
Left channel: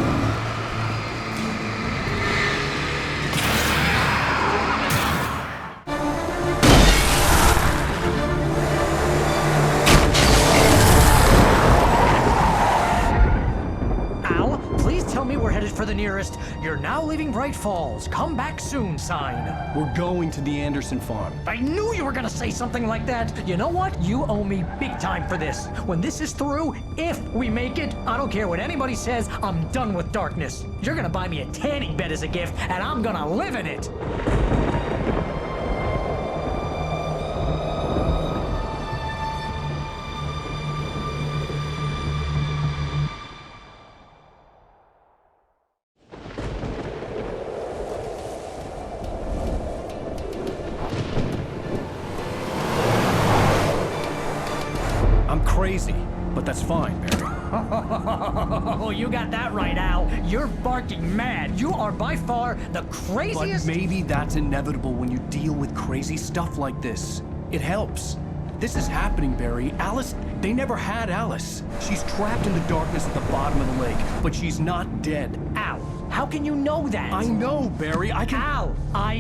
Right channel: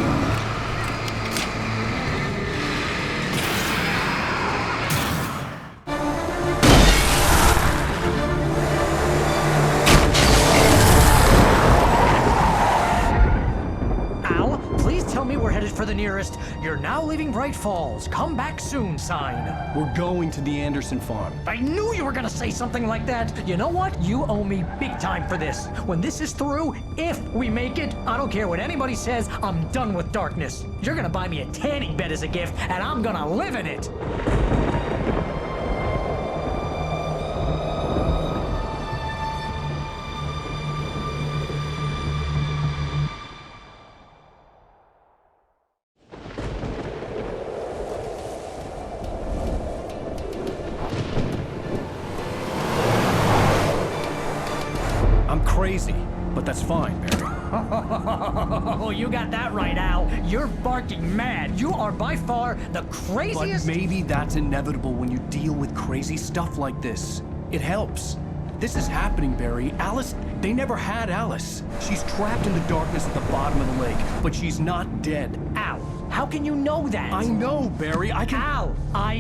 Al, please tell me we're headed for the nearest "You're now leaving Bright Falls. Come back soon" sign. We're going to the Anderson farm. I knew you were gonna say something like that. You know what? You owe me big time for this. When this is through, if we make it, I don't care what anybody says, I'm done with darkness. You're gonna buy me a tanning bed as a gift, and I'm gonna live in it. I'm crazy, but that's fine, Barry. Oh, you got that right, Al. You're barking mad. You are by far the craziest. But maybe that's inevitable when you deal with crazy stuff like this. It helps. This is happening, Barry. Alice, they never had Alice. She's trapped in the darkness at the bottom of the lake, but she's not dead. Al, how can you know that? I know, Barry. I can... Al,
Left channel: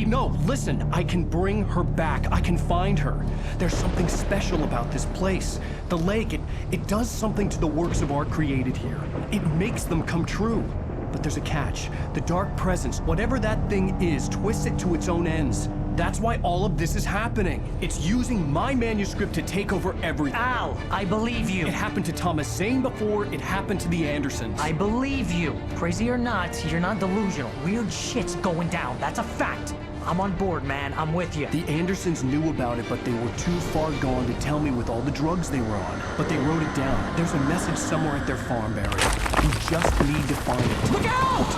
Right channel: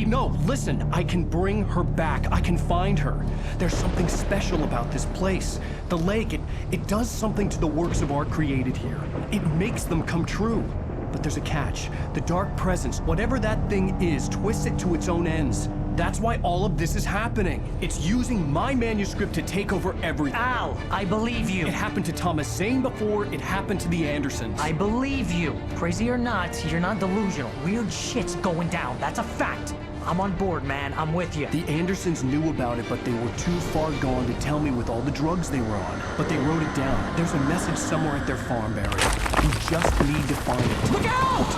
No, listen. I can bring her back. I can find her. There's something special about this place. The lake, it does something to the works of art created here. It makes them come true. But there's a catch. The dark presence, whatever that thing is, twists it to its own ends. That's why all of this is happening. It's using my manuscript to take over everything. Al, I believe you. It happened to Thomas Zane before, it happened to the Andersons. I believe you. Crazy or not, you're not delusional. Weird shit's going down. That's a fact. I'm on board, man. I'm with you. The Andersons knew about it, but they were too far gone to tell me with all the drugs they were on. But they wrote it down. There's a message somewhere at their farm, Barry. We just need to find it. Look out!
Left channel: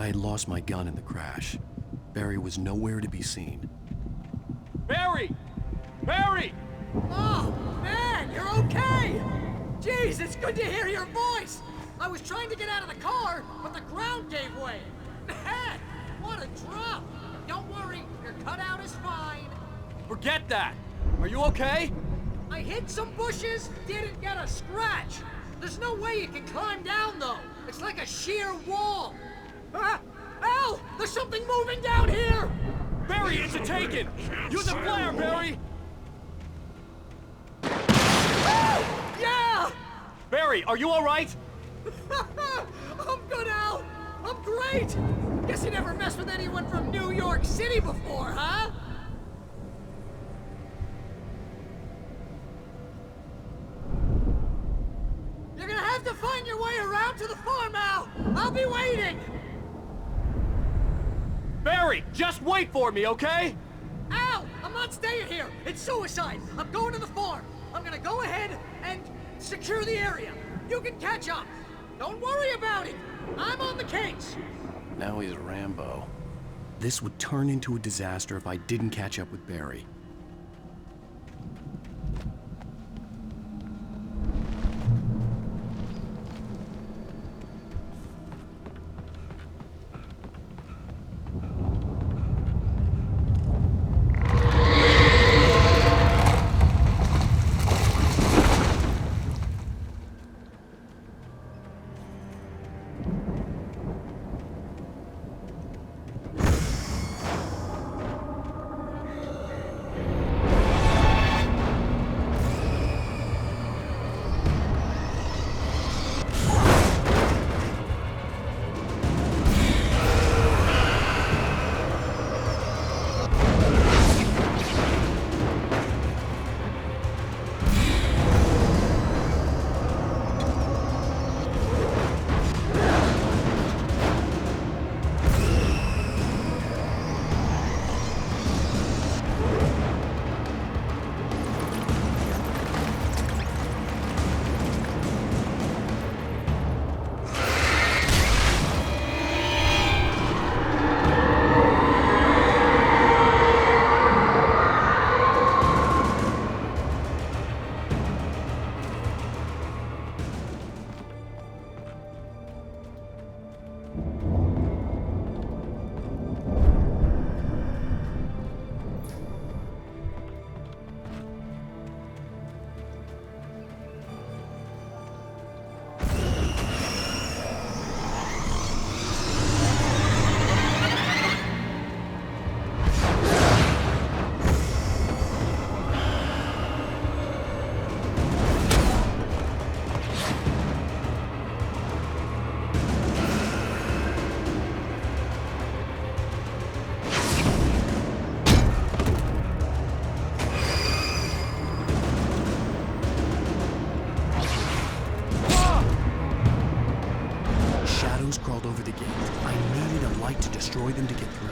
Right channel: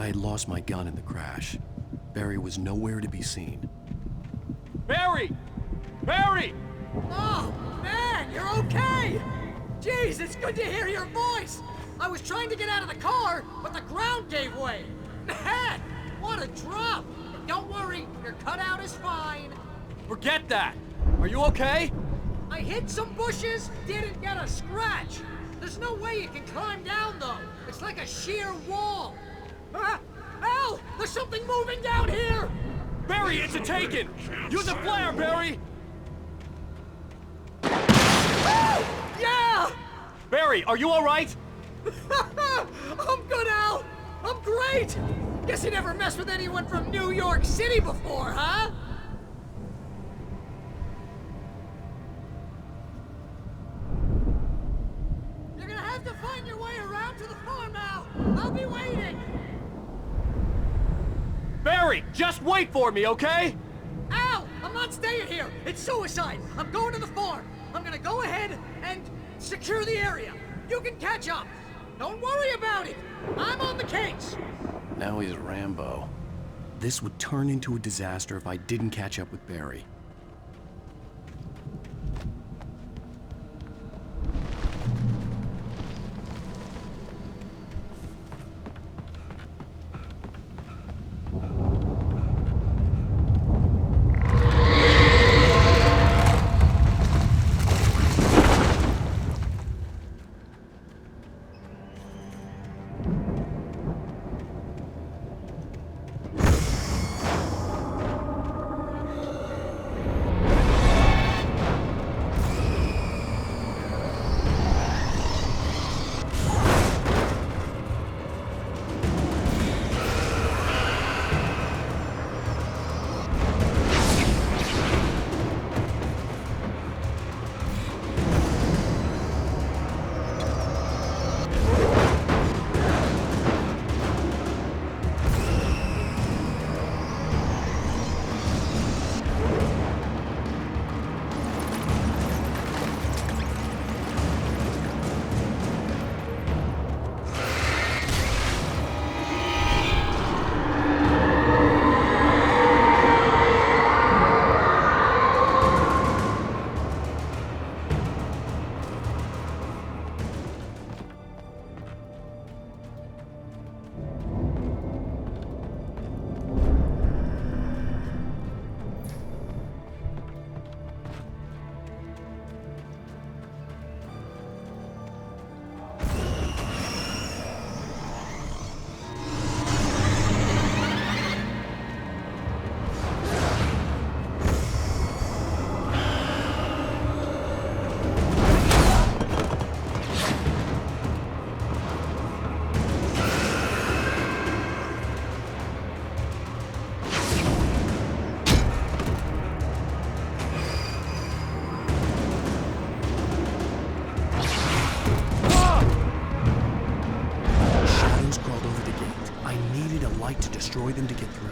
I had lost my gun in the crash. Barry was nowhere to be seen. Barry! Barry! Oh, man, you're okay! Jeez, it's good to hear your voice! I was trying to get out of the car, but the ground gave way. Man, what a drop! Don't worry, your cutout is fine. Forget that! Are you okay? I hit some bushes, didn't get a scratch. There's no way you can climb down, though. It's like a sheer wall. Ah! Al! There's something moving down here! Barry, it's a taken! Use a flare, Barry! Oh! Yeah! Barry, are you all right? I'm good, Al! I'm great! Guess you never messed with anyone from New York City before, huh? You're gonna have to find your way around to the farm, Al! I'll be waiting! Barry, just wait for me, okay? Al! I'm not staying here! It's suicide! I'm going to the farm! I'm gonna go ahead and secure the area! You can catch up! Don't worry about it! I'm on the case! Now he's Rambo. This would turn into a disaster if I didn't catch up with Barry. To destroy them to get through.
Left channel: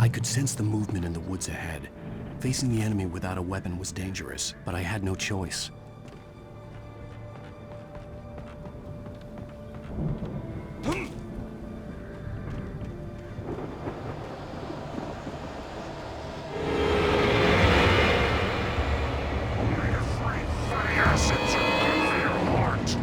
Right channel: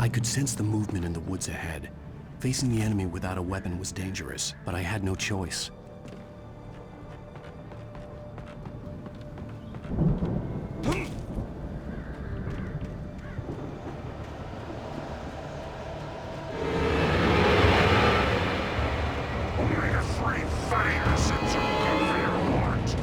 I could sense the movement in the woods ahead. Facing the enemy without a weapon was dangerous, but I had no choice. Only the 3 fatty acids are good for your heart.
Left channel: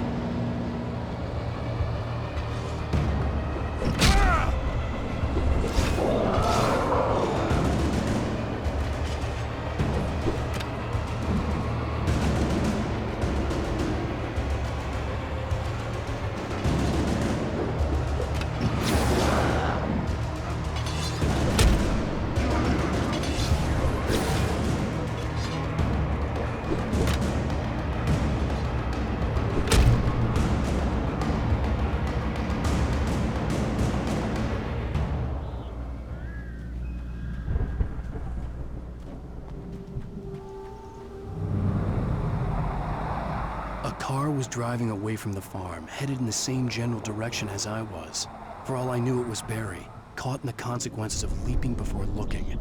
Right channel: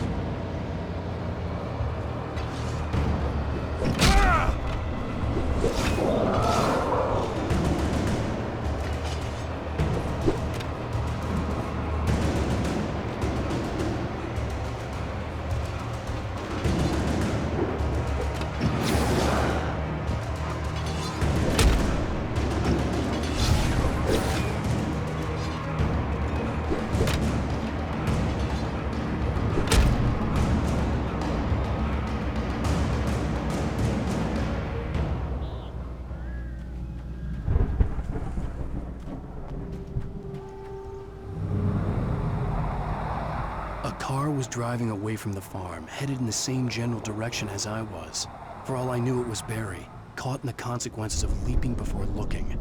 A car was driving away from the farm, headed in the same general direction as I was. For all I knew, it was Barry, caught in the consequences of leaping before looking.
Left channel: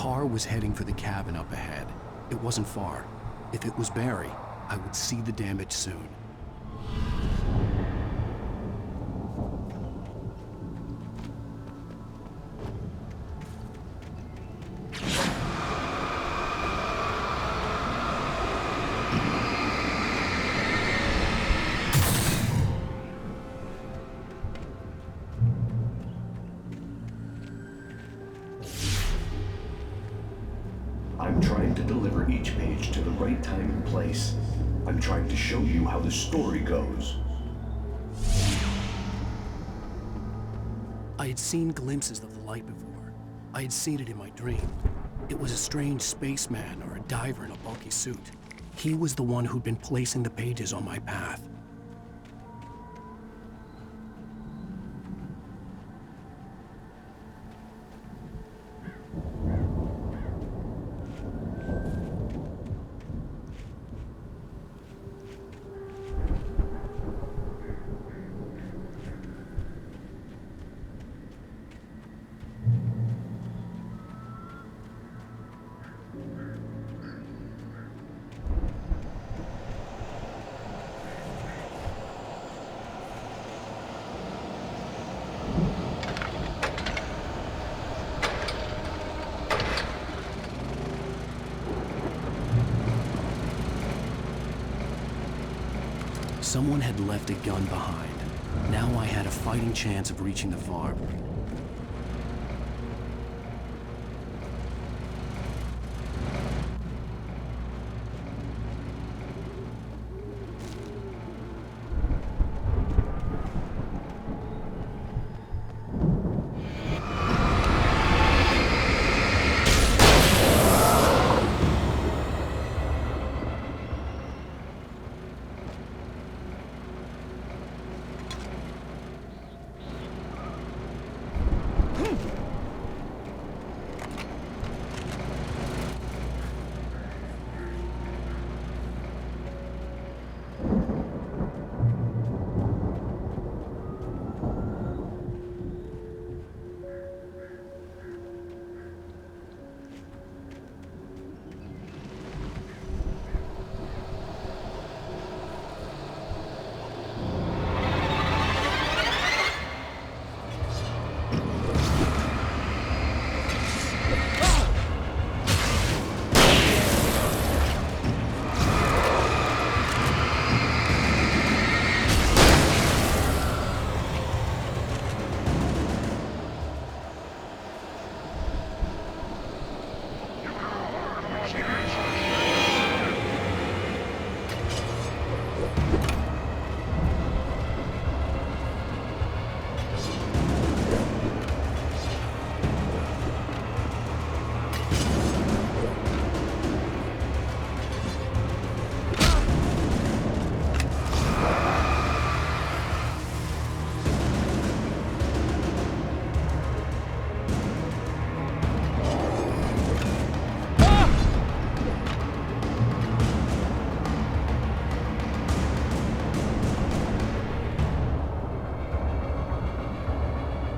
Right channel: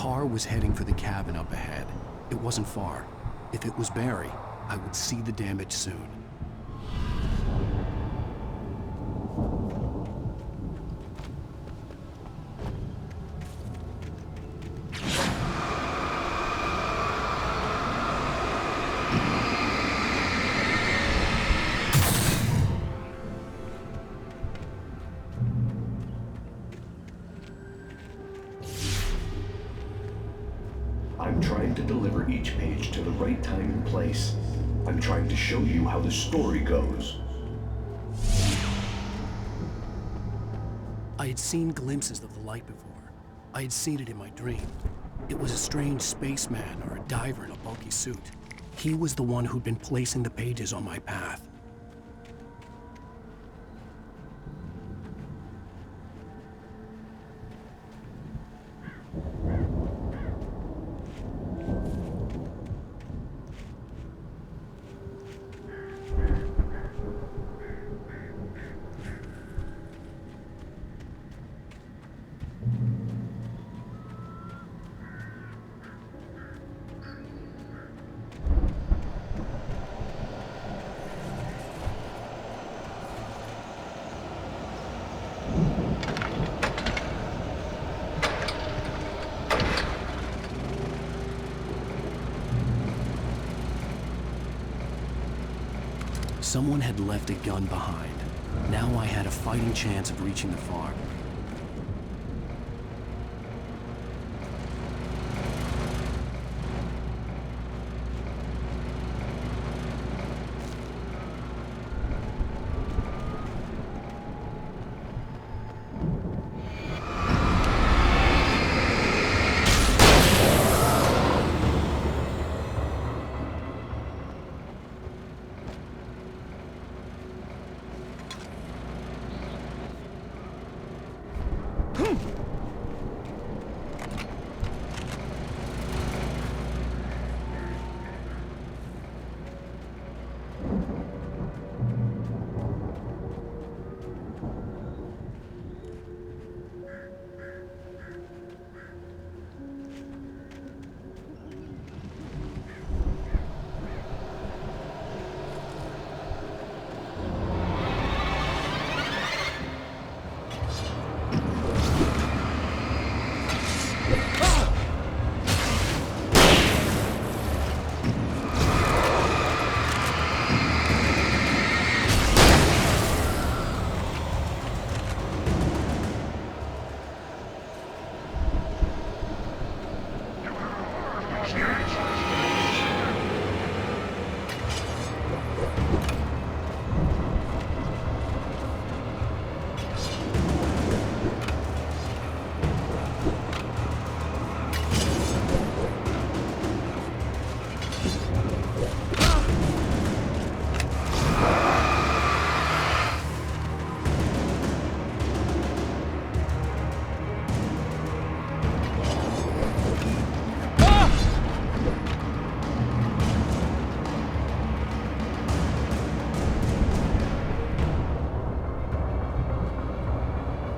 car was heading for the cabin up ahead. It wasn't far. If it was Barry, I would see the damage soon. I'm trying to deliver each page to the right time and place. I'm trying to show you how the story goes. I had seen glimpses of the light before. I had seen it in my dream. It was a strange spaceman or a diver in a bulky suit. He was the one who'd been placing the pages on my path. Someone had left a gun behind. Now I had a fighting chance of reaching the farm.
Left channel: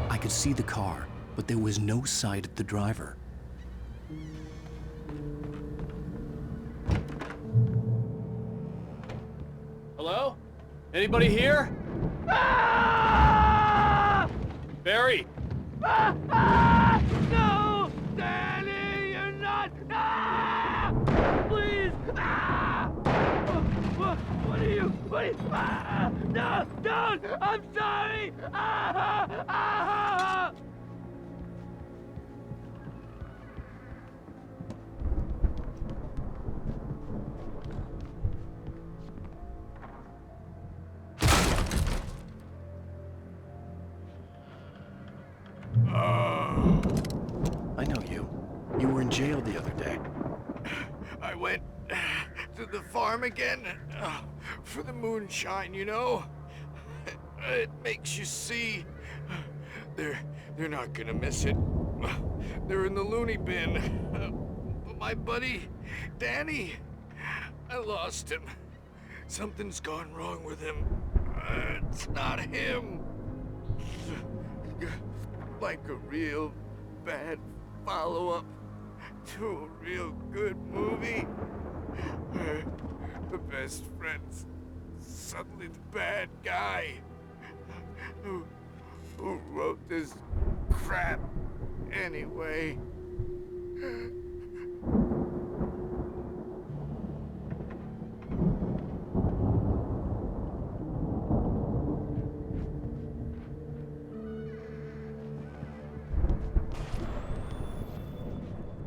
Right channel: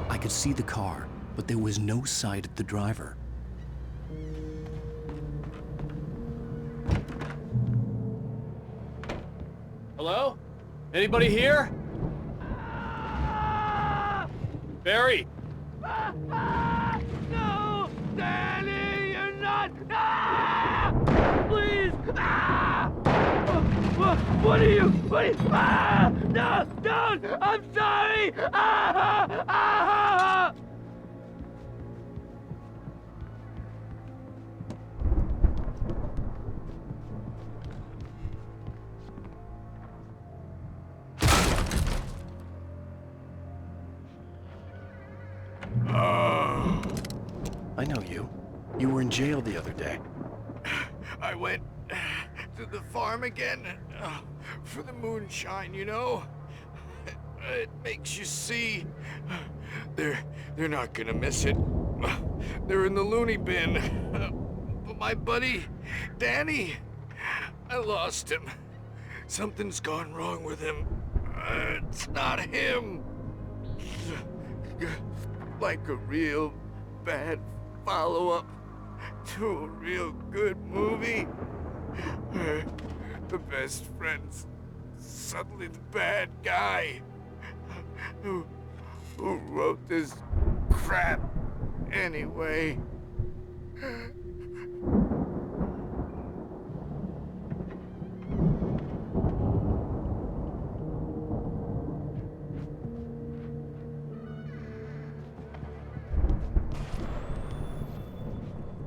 I could see the car, but there was no sight of the driver. Hello? Anybody here? Barry! No! Danny, you're not! Please! What are you? No! Don't! I'm sorry! I know you. You were in jail the other day. I went to the farm again for the moonshine, you know? It makes you see. They're not gonna miss it. They're in the loony bin. But my buddy, Danny, I lost him. Something's gone wrong with him. It's not him. Like a real bad follow-up. to a real good movie where the best friend's suddenly the bad guy who wrote this crap anyway.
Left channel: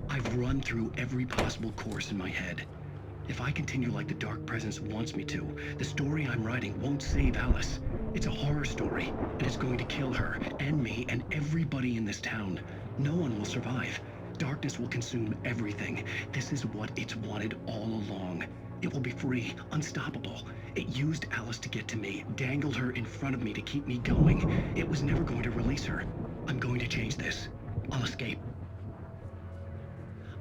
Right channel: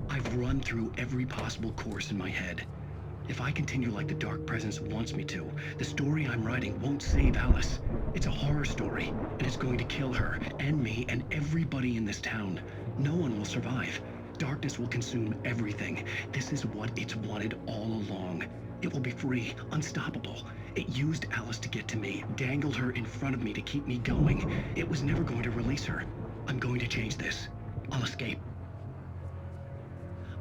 I've run through every possible course in my head. If I continue like the Dark Presence wants me to, the story I'm writing won't save Alice. It's a horror story, and it's going to kill her, and me, and everybody in this town. No one will survive. Darkness will consume everything. This is what it's wanted all along. It will be free, unstoppable. It used Alice to get to me, dangled her in front of me to keep me going. It was never going to release her. I'm going to change this. I'll escape.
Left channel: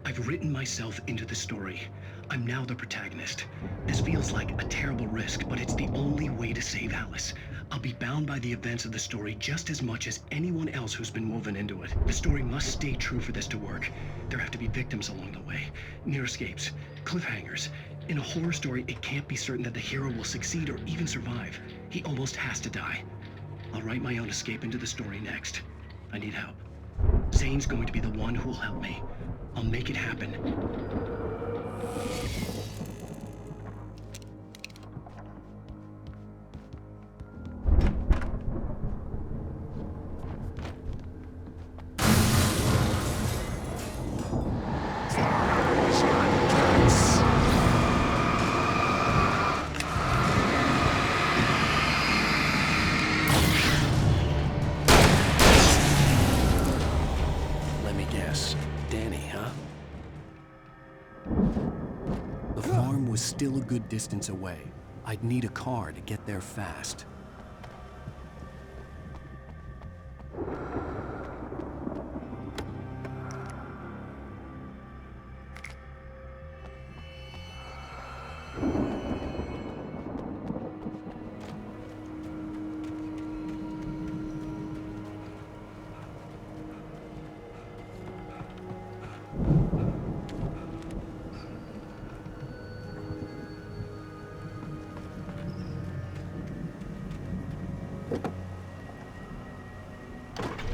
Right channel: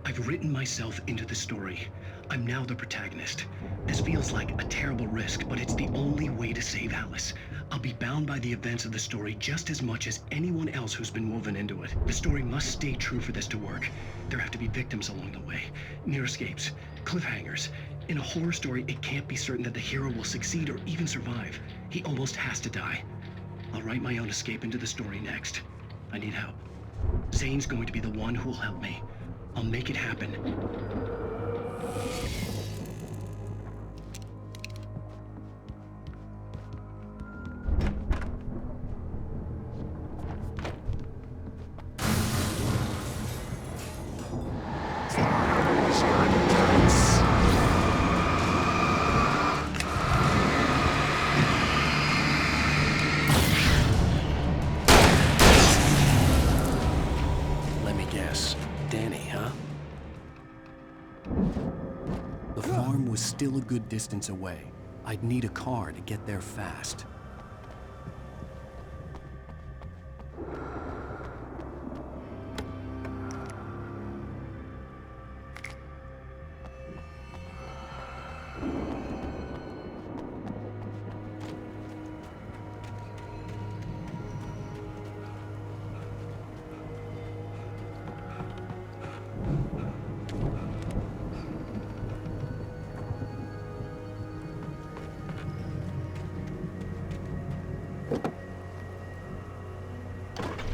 I've written myself into the story. I'm now the protagonist. This feels like a terrible risk, but it's the only way to save Alice. I'll be bound by the events of the story just as much as anyone else who's been woven into it. The story must stay true for this to work. There have to be victims along the way, near escapes, cliffhangers. In a horror story, it can't be certain that the hero will succeed or even survive. He almost has to die. I'll write my own escape into the story next. I need help. Zane's going to be the one who will help me. I'll make it happen. Let me guess. Danny, huh? The farm was still a good distance away. I'd need a car to get there fast.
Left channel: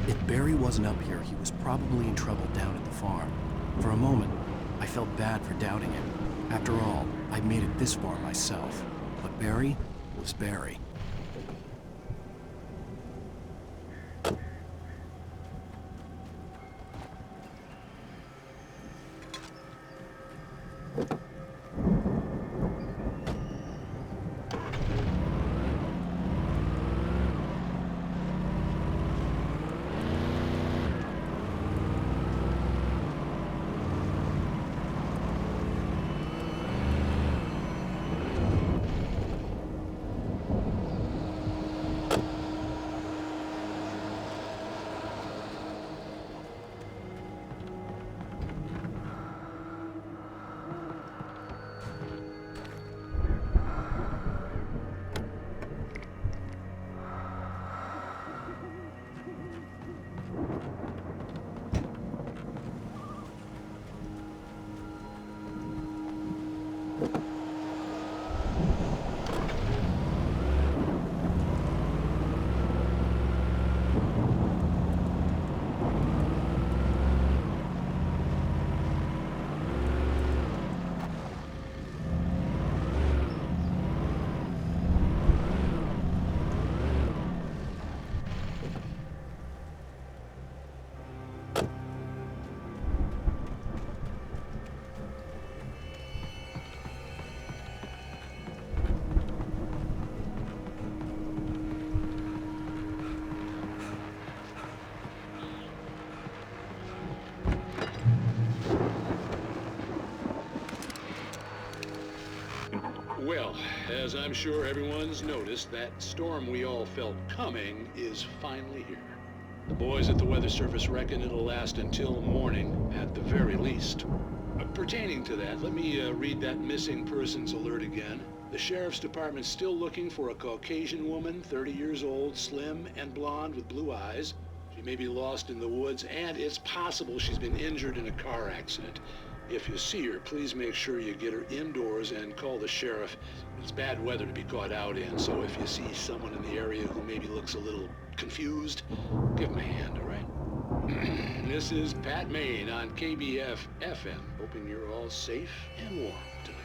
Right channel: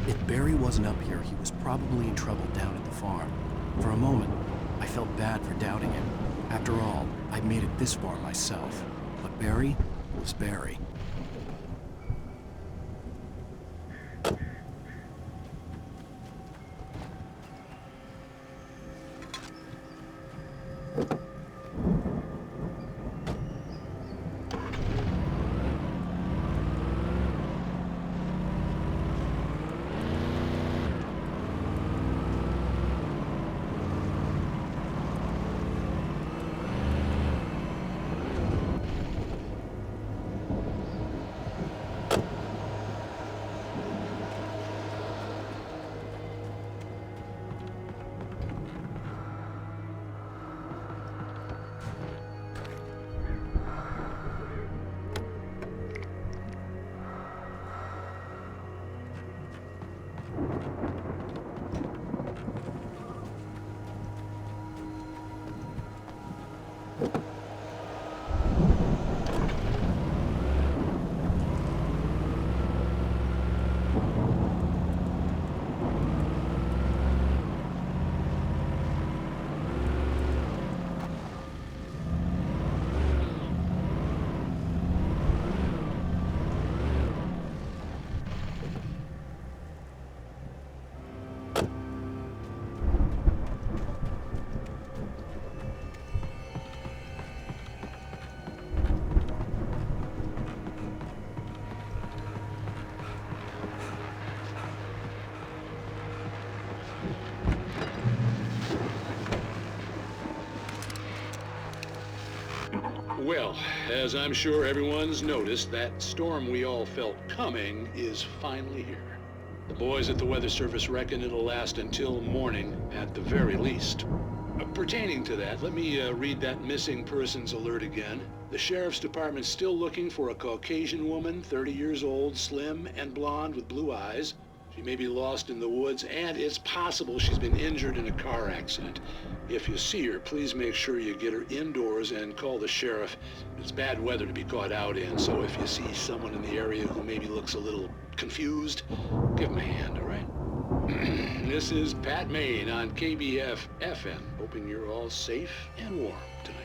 If Barry wasn't up here, he was probably in trouble down at the farm. For a moment, I felt bad for doubting him. After all, I'd made it this far myself. But Barry was Barry. Well, as I'm sure everyone's noticed, that storm we all felt coming is finally here. The boys at the Weather Service reckon it'll last until morning at the very least. Pertaining to that, let me read that missing persons alert again. The Sheriff's Department's still looking for a Caucasian woman, 30 years old, slim and blonde with blue eyes. She She may be lost in the woods, and it's possible she's been injured in a car accident. If you see her, please make sure you get her indoors and call the sheriff. It's bad weather to be caught out in, so if you see someone in the area who maybe looks a little confused, give them a hand, all right? This is Pat Maine on KBF FM, hoping you're all safe and warm tonight.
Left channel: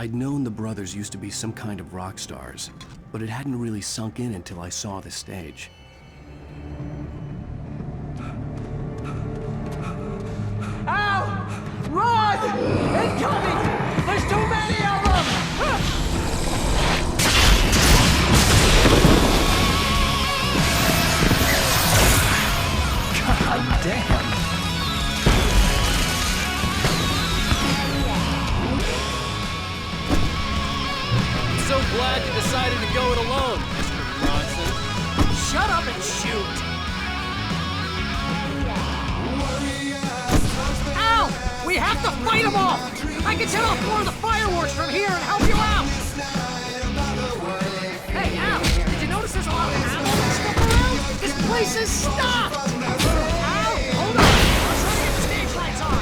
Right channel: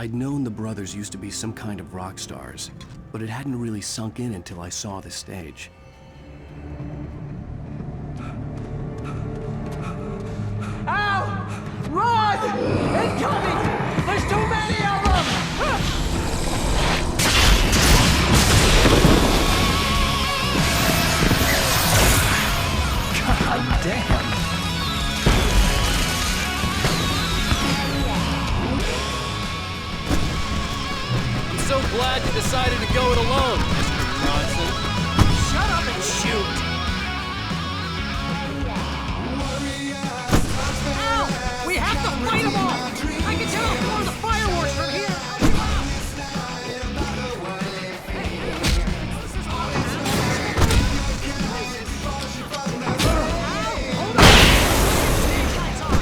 I'd known the brothers used to be some kind of rock stars, but it hadn't really sunk in until I saw the stage. Al! Run! Incoming! There's too many of them! so glad you decided to go it alone, Mr. Bronson. Shut up and shoot! Al! We have to fight them off! I can set off more of the fireworks from here and help you out! Hey, Al! Did you notice there's a lot of animals stuff around? This place is stopped! Al, hold on! The stage lights on!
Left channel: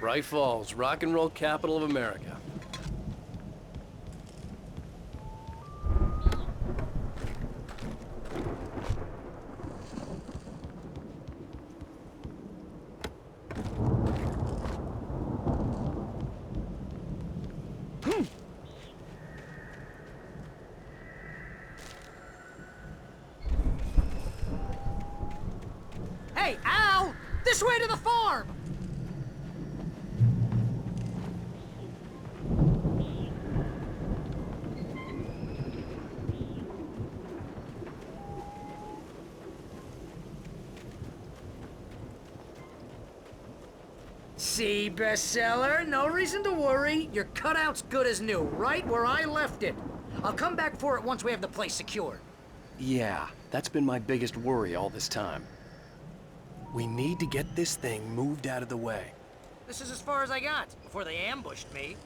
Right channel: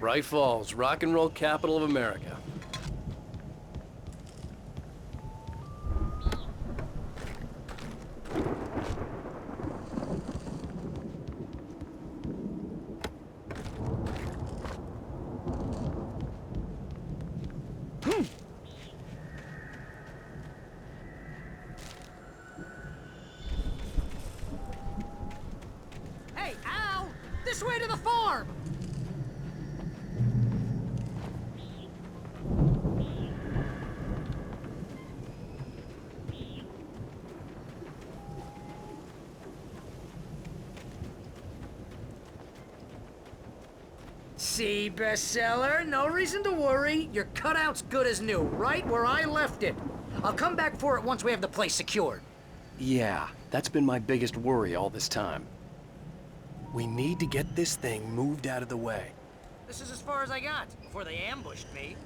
Bright Falls, rock and roll capital of America. Hey, Al! This way to the farm! See, bestseller? No reason to worry. Your cutout's good as new, right where I left it. I'll come back for it once we have the place secured. Yeah, that's been my biggest worry all this time. We need to get this thing moved out of the way. This is as far as I got, before they ambushed me.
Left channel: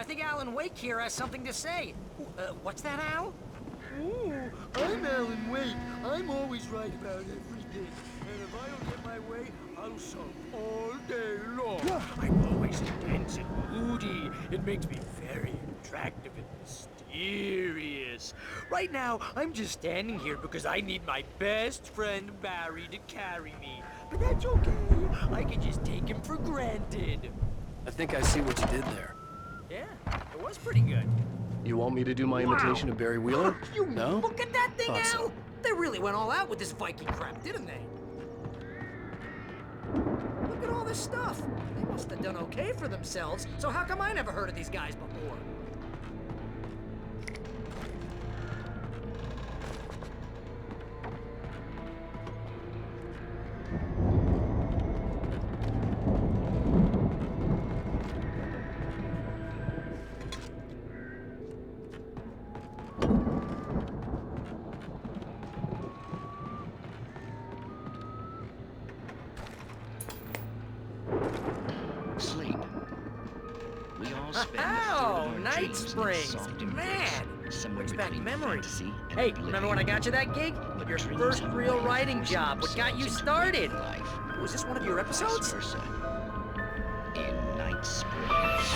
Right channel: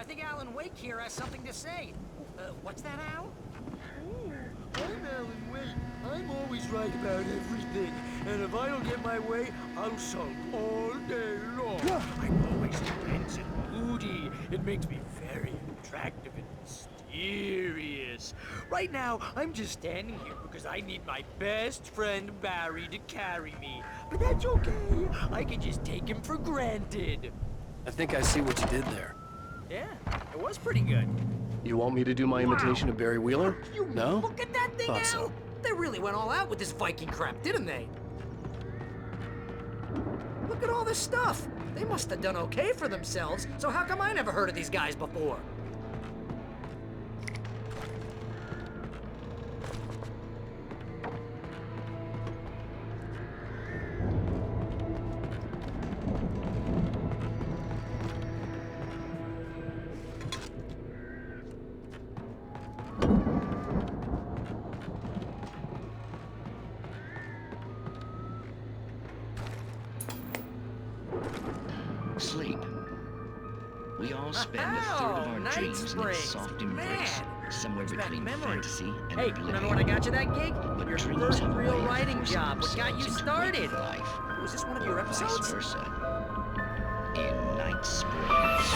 I think Alan Wake here has something to say. What's that, Al? Ooh, I'm Alan Wake. I'm always right about everything. And if I don't get my way, I'll sulk all day long. I'm always tense and moody. It makes me very attractive and mysterious. Right now, I'm just standing here because I need my best friend Barry to carry me. But that's okay. I can just take him for granted. I think I see what you did there. Yeah, it was pretty good. You want me to do my imitation of Barry Wheeler? No? Look at that thing, Thought Al! so. They really went all out with this Viking crap, didn't they? Look at all this stuff. They must have done okay for themselves, so how come I never heard of these guys before? Sleep. We all spend a third of our Night dreams in Springs. its soft embrace, Man, somewhere brings back between memories. fantasy and Hey, oblivion. remember when I got you that gig? But Your dreams first have a real way of writing forcing job. What got you themselves into started? waking life, Was this one of your or episodes? vice versa. In Night Springs.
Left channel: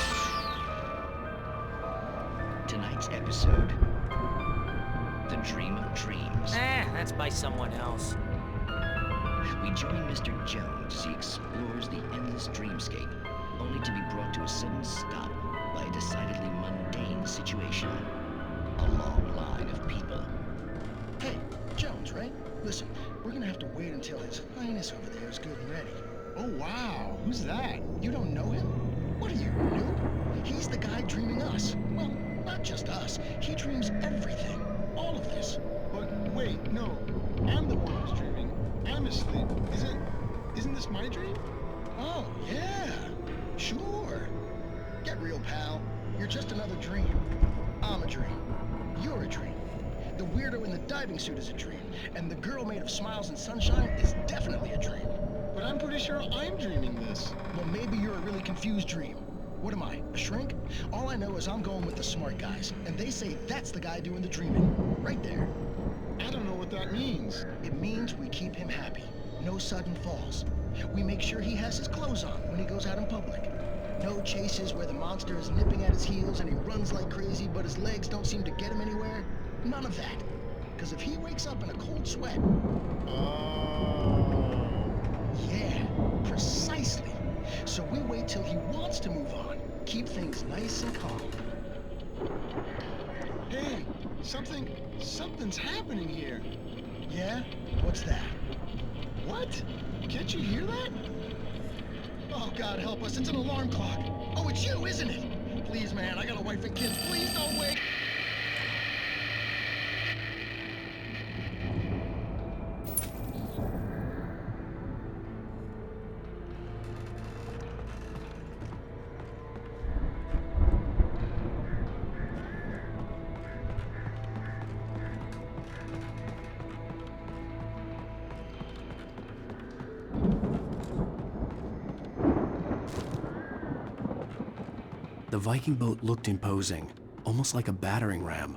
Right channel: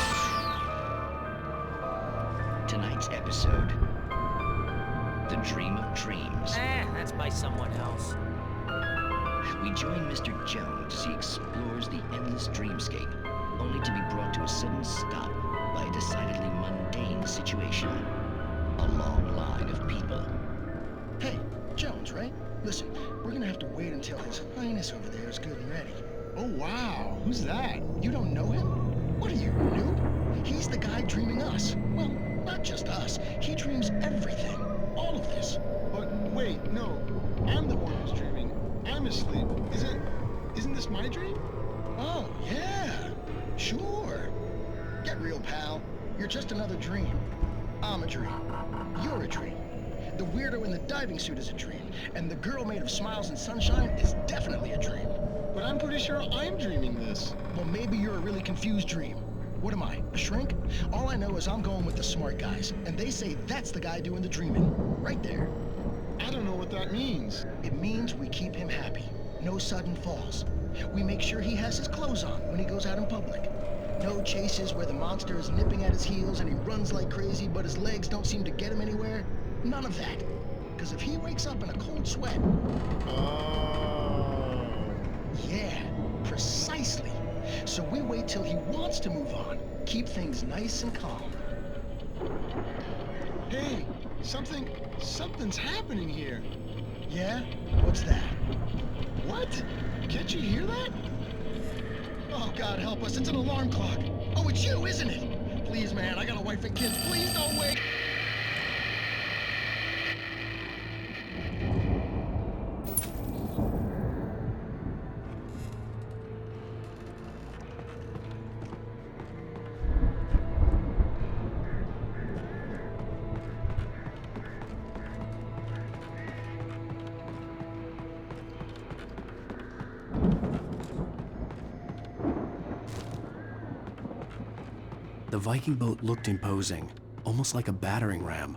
Tonight's episode: The Dream of Dreams. That's by someone else. We join Mr. Jones as he explores the endless dreamscape, only to be brought to a sudden stop by a decidedly mundane situation. A long line of people. Hey, Jones, right? Listen, we're gonna have to wait until His Highness over there is good and ready. Oh, wow. Who's that? You don't know him? What are you, noob? He's the guy dreaming us. Well, not just us. He dreams everything. All of this. But wait, no. I'm the one who's dreaming. I'm asleep. Isn't this my dream? Oh, yeah. Sure. Get real, pal. You're just another dream. I'm a dream. You're a dream. The weirdo in the diving suit is a dream. And the girl made of smiles and sunshine is definitely a dream. But I'm pretty sure I'm dreaming this. Well, maybe you're a really confused dream. What am I, a shrink? All I know is I'm going with the smart guys, and they say that's the guy doing the dreaming. Right there. I don't know what that means. It means we keep him happy. No sudden falls. We make sure he has his clothes on when he goes out in public. No chases where the monster is nipping at his heels and he runs like crazy, but his legs don't seem to get him anywhere. None of that. Because if he wakes up in a cold sweat... Oh. Yeah, precisely. So we wait till he wants to move on. Keep things nice and calm. Hey, something's happening here. Yeah? What's that? What? Can't you hear that? Oh, God help us, it's an alarm clock. Oh, it's you, isn't it? Please, man, I got a wife and kids. Please don't wake... The Viking boat looked imposing, almost like a battering ram.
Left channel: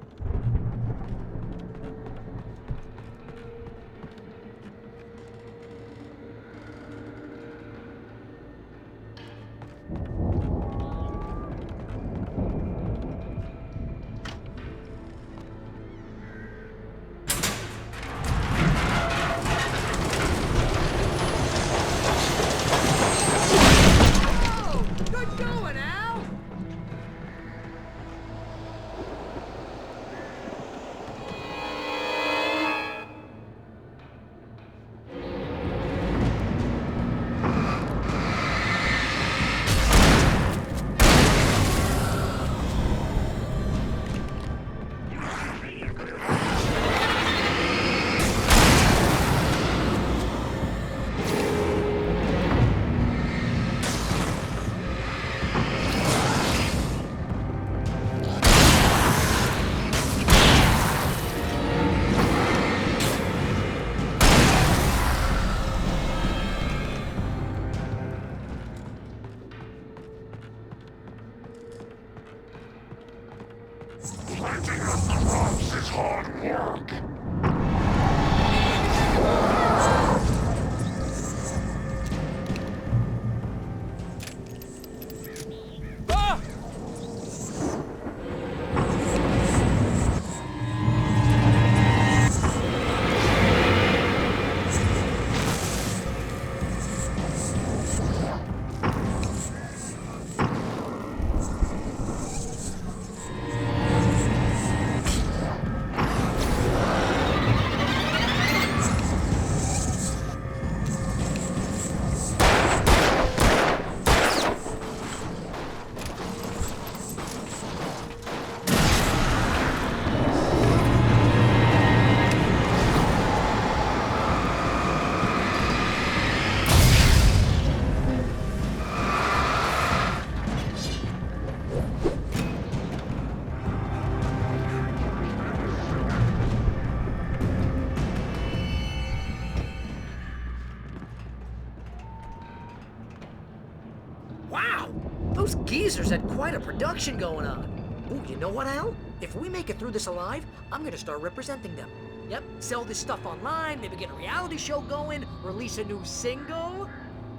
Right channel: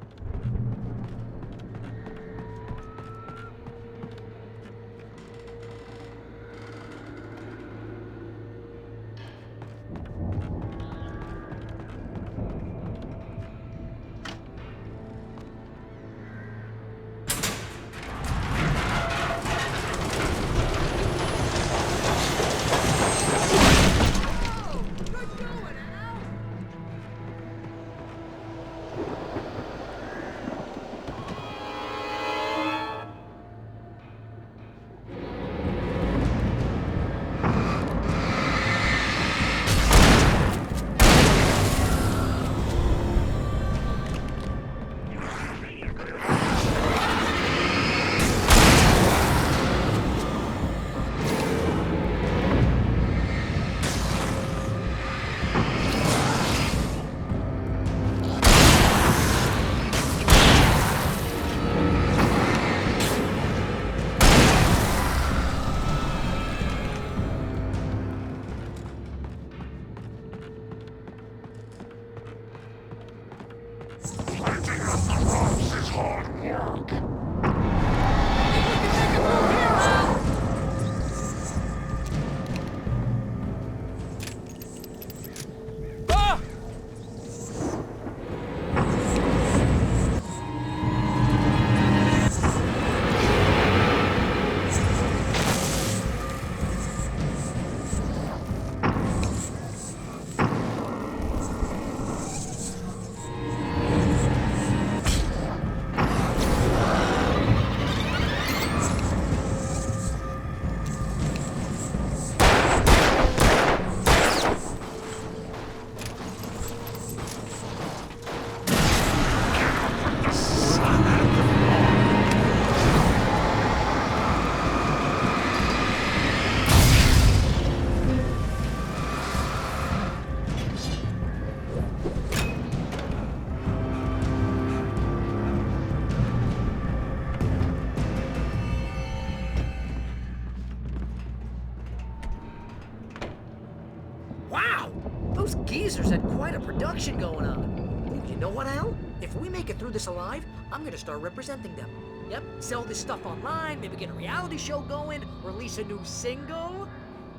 Wow! Those geezers had quite a production going on. Ooh, you know what, Al? If we make it through this alive, I'm gonna start representing them. Yep, sell this stuff online, maybe get a reality show going, release a new single.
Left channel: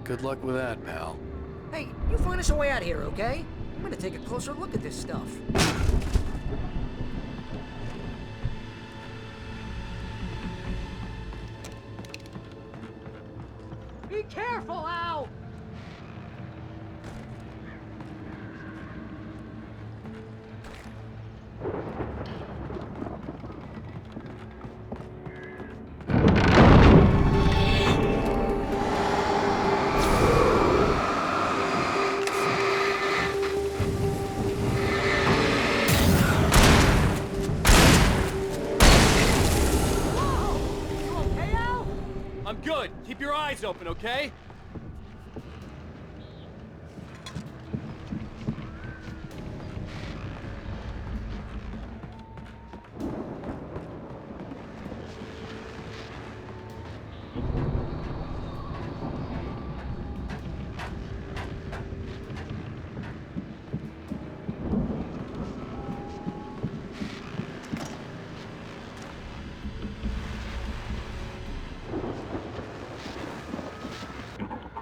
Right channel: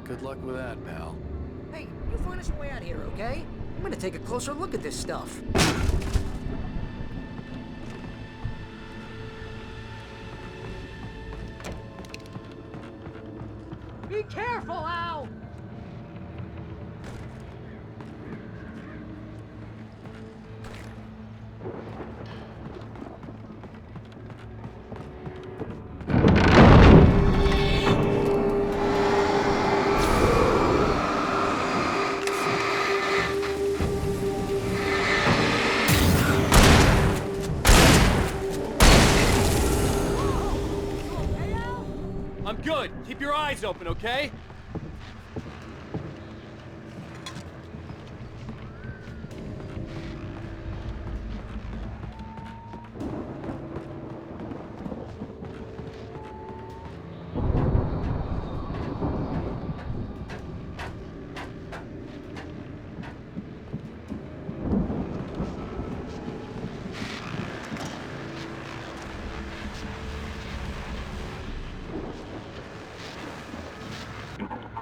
Good luck with that, pal. Hey, you find us a way out of here, okay? I'm gonna take a closer look at this stuff. Be careful, Al! I'm good. Keep your eyes open, okay?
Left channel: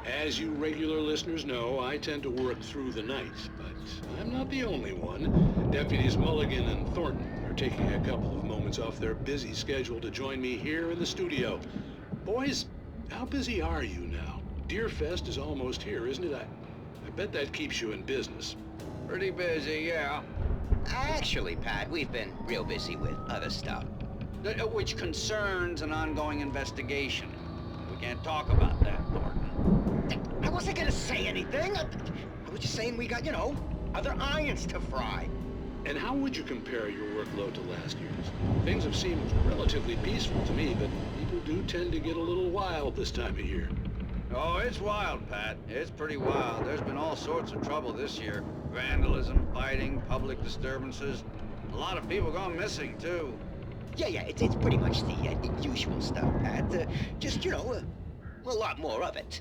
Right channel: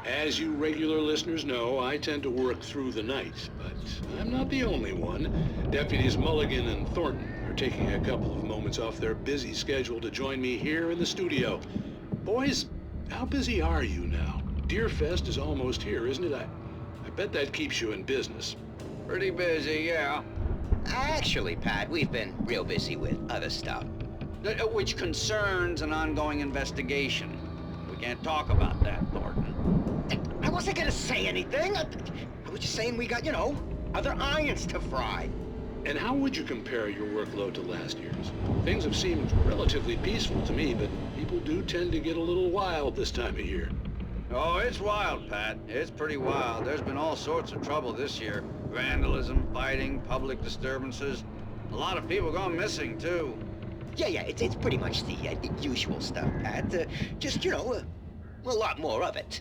As you regular listeners know, I tend to work through the night, but I'm not the only one. Deputies Mulligan and Thornton are taking a couple of moments off their busy schedule to join me here in the studio. Boys, how busy are you now? Deerfest is almost here, isn't it? I bet that keeps you in business. Pretty busy, yeah. Actually, Pat, we've been real busy with other stuff, which concerns an ongoing investigation. We can't talk about that, Thornton. I wasn't gonna say anything. I was just saying we got, you know, other irons to fry. And how would you compare your workload to last year's? Things have seemed relatively peaceful to me, but people do tend to get a little wild this time of year. Oh, it's wild, Pat. It's pretty wild. There's been all sorts of trouble this year. Vandalism, fighting, public disturbances. A lot of people gone missing, too. Yeah, it's pretty much the usual stuff, Pat. Just, you know, a lot more of it.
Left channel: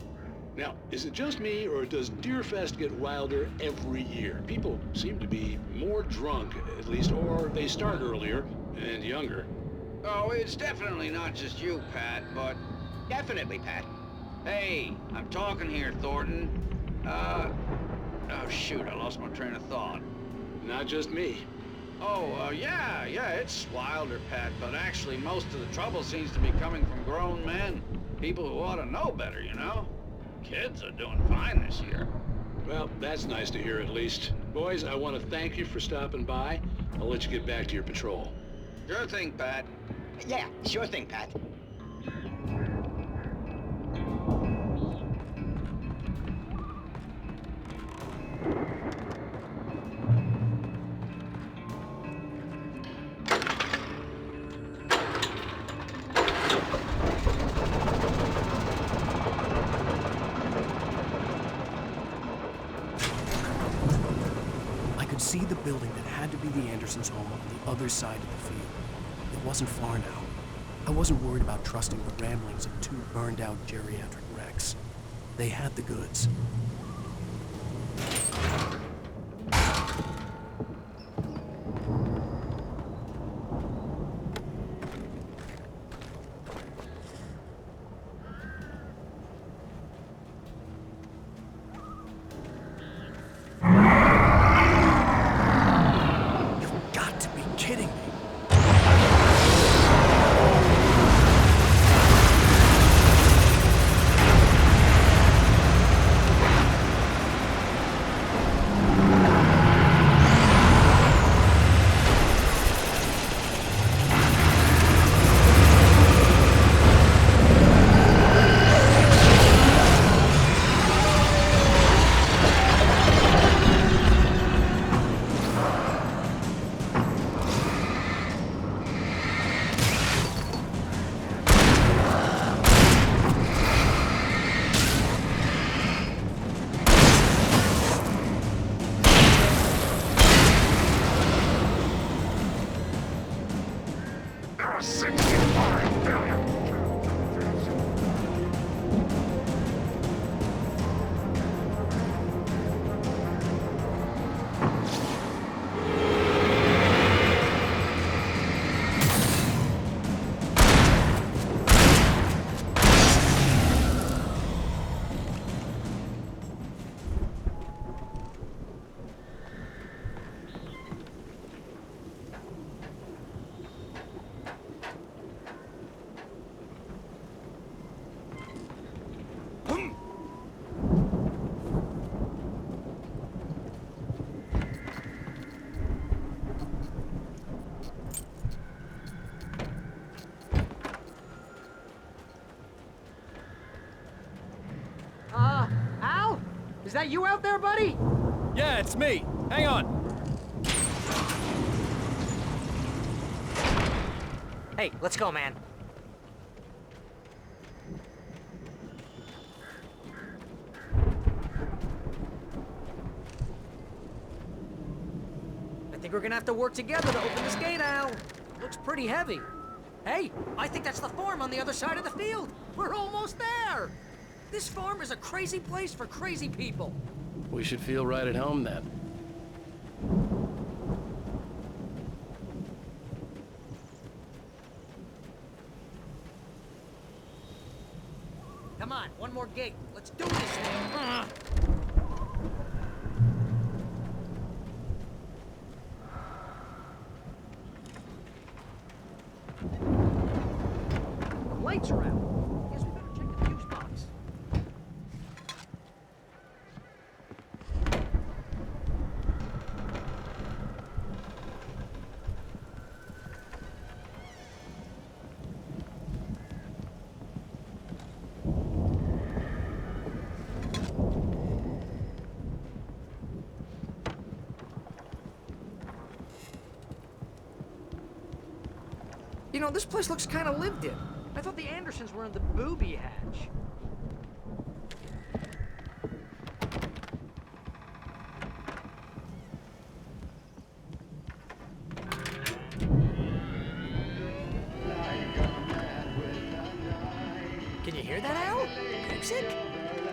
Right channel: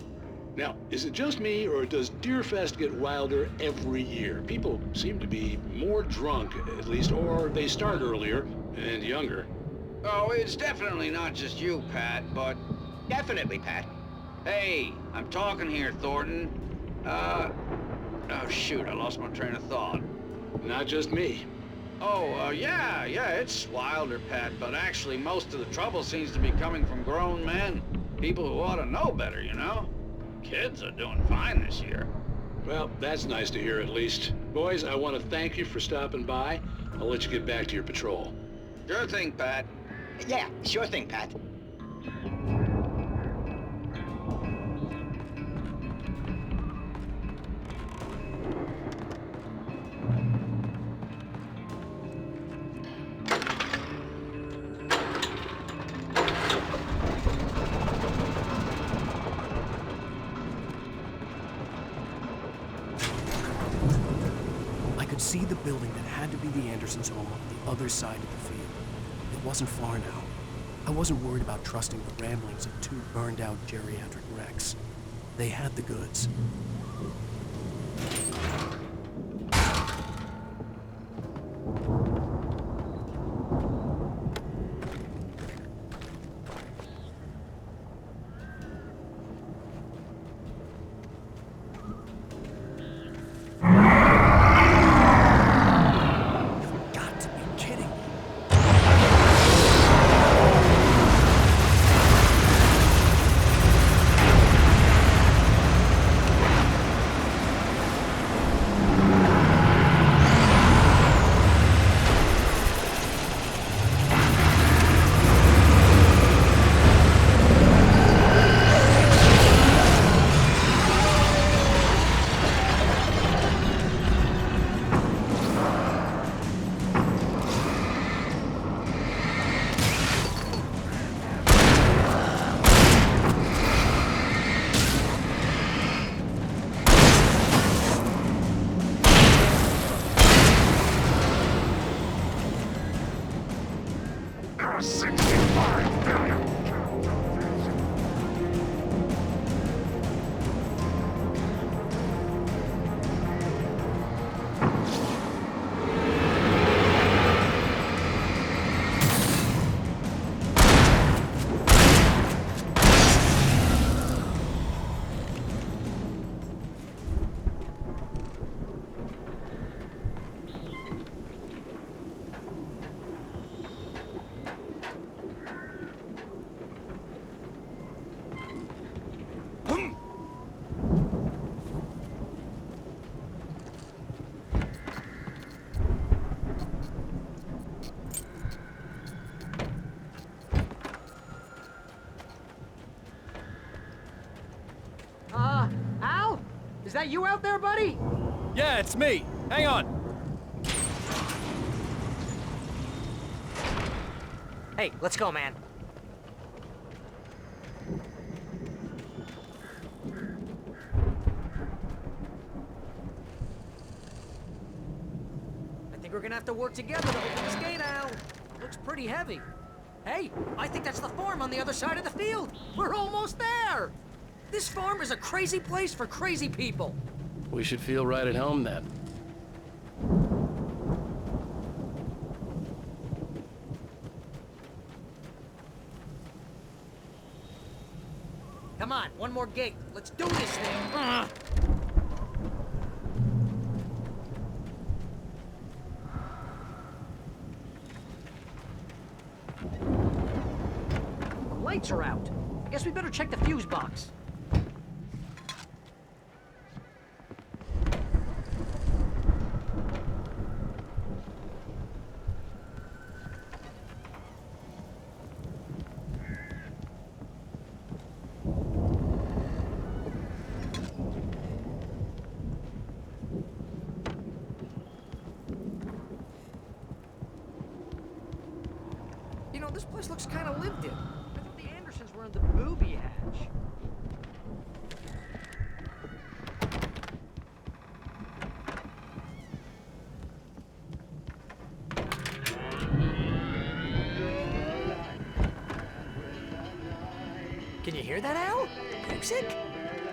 Now, is it just me, or does Deerfest get wilder every year? People seem to be more drunk, at least, or they start earlier and younger. Oh, it's definitely not just you, Pat, but... Definitely, Pat. Hey, I'm talking here, Thornton. Oh, shoot, I lost my train of thought. Not just me. Oh, yeah, it's wilder, Pat, but actually most of the trouble seems to be coming from grown men. People who ought to know better, you know? Kids are doing fine this year. Well, that's nice to hear at least. Boys, I want to thank you for stopping by. I'll let you get back to your patrol. Sure thing, Pat. Yeah, sure thing, Pat. See the building that had to be the Andersons' home on the other side of the field. It wasn't far now. I wasn't worried about trusting the ramblings of two burned-out geriatric wrecks. They had the goods. Al? Is that you out there, buddy? Yeah, it's me. Hang on. Hey, let's go, man. I think we're gonna have to work together to open this gate, Al. Looks pretty heavy. Hey, I think that's the farm on the other side of the field. We're almost there. This farm is a crazy place for crazy people. We should feel right at home then. Come on, one more gate. Let's do this thing. The lights are out. I guess we better check the fuse box. You know, this place looks kind of lived in. I thought the Andersons were in the booby hatch. Can you hear that, Al? Music?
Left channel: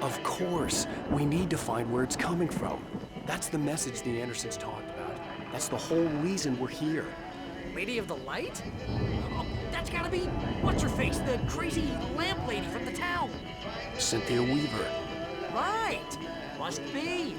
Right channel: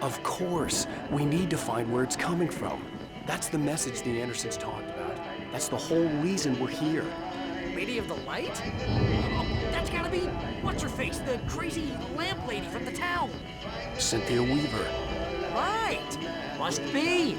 Of course. We need to find where it's coming from. That's the message the Andersons talked about. That's the whole reason we're here. Lady of the Light? Oh, that's gotta be what's-her-face, the crazy lamp lady from the town. Cynthia Weaver. Right. Must be.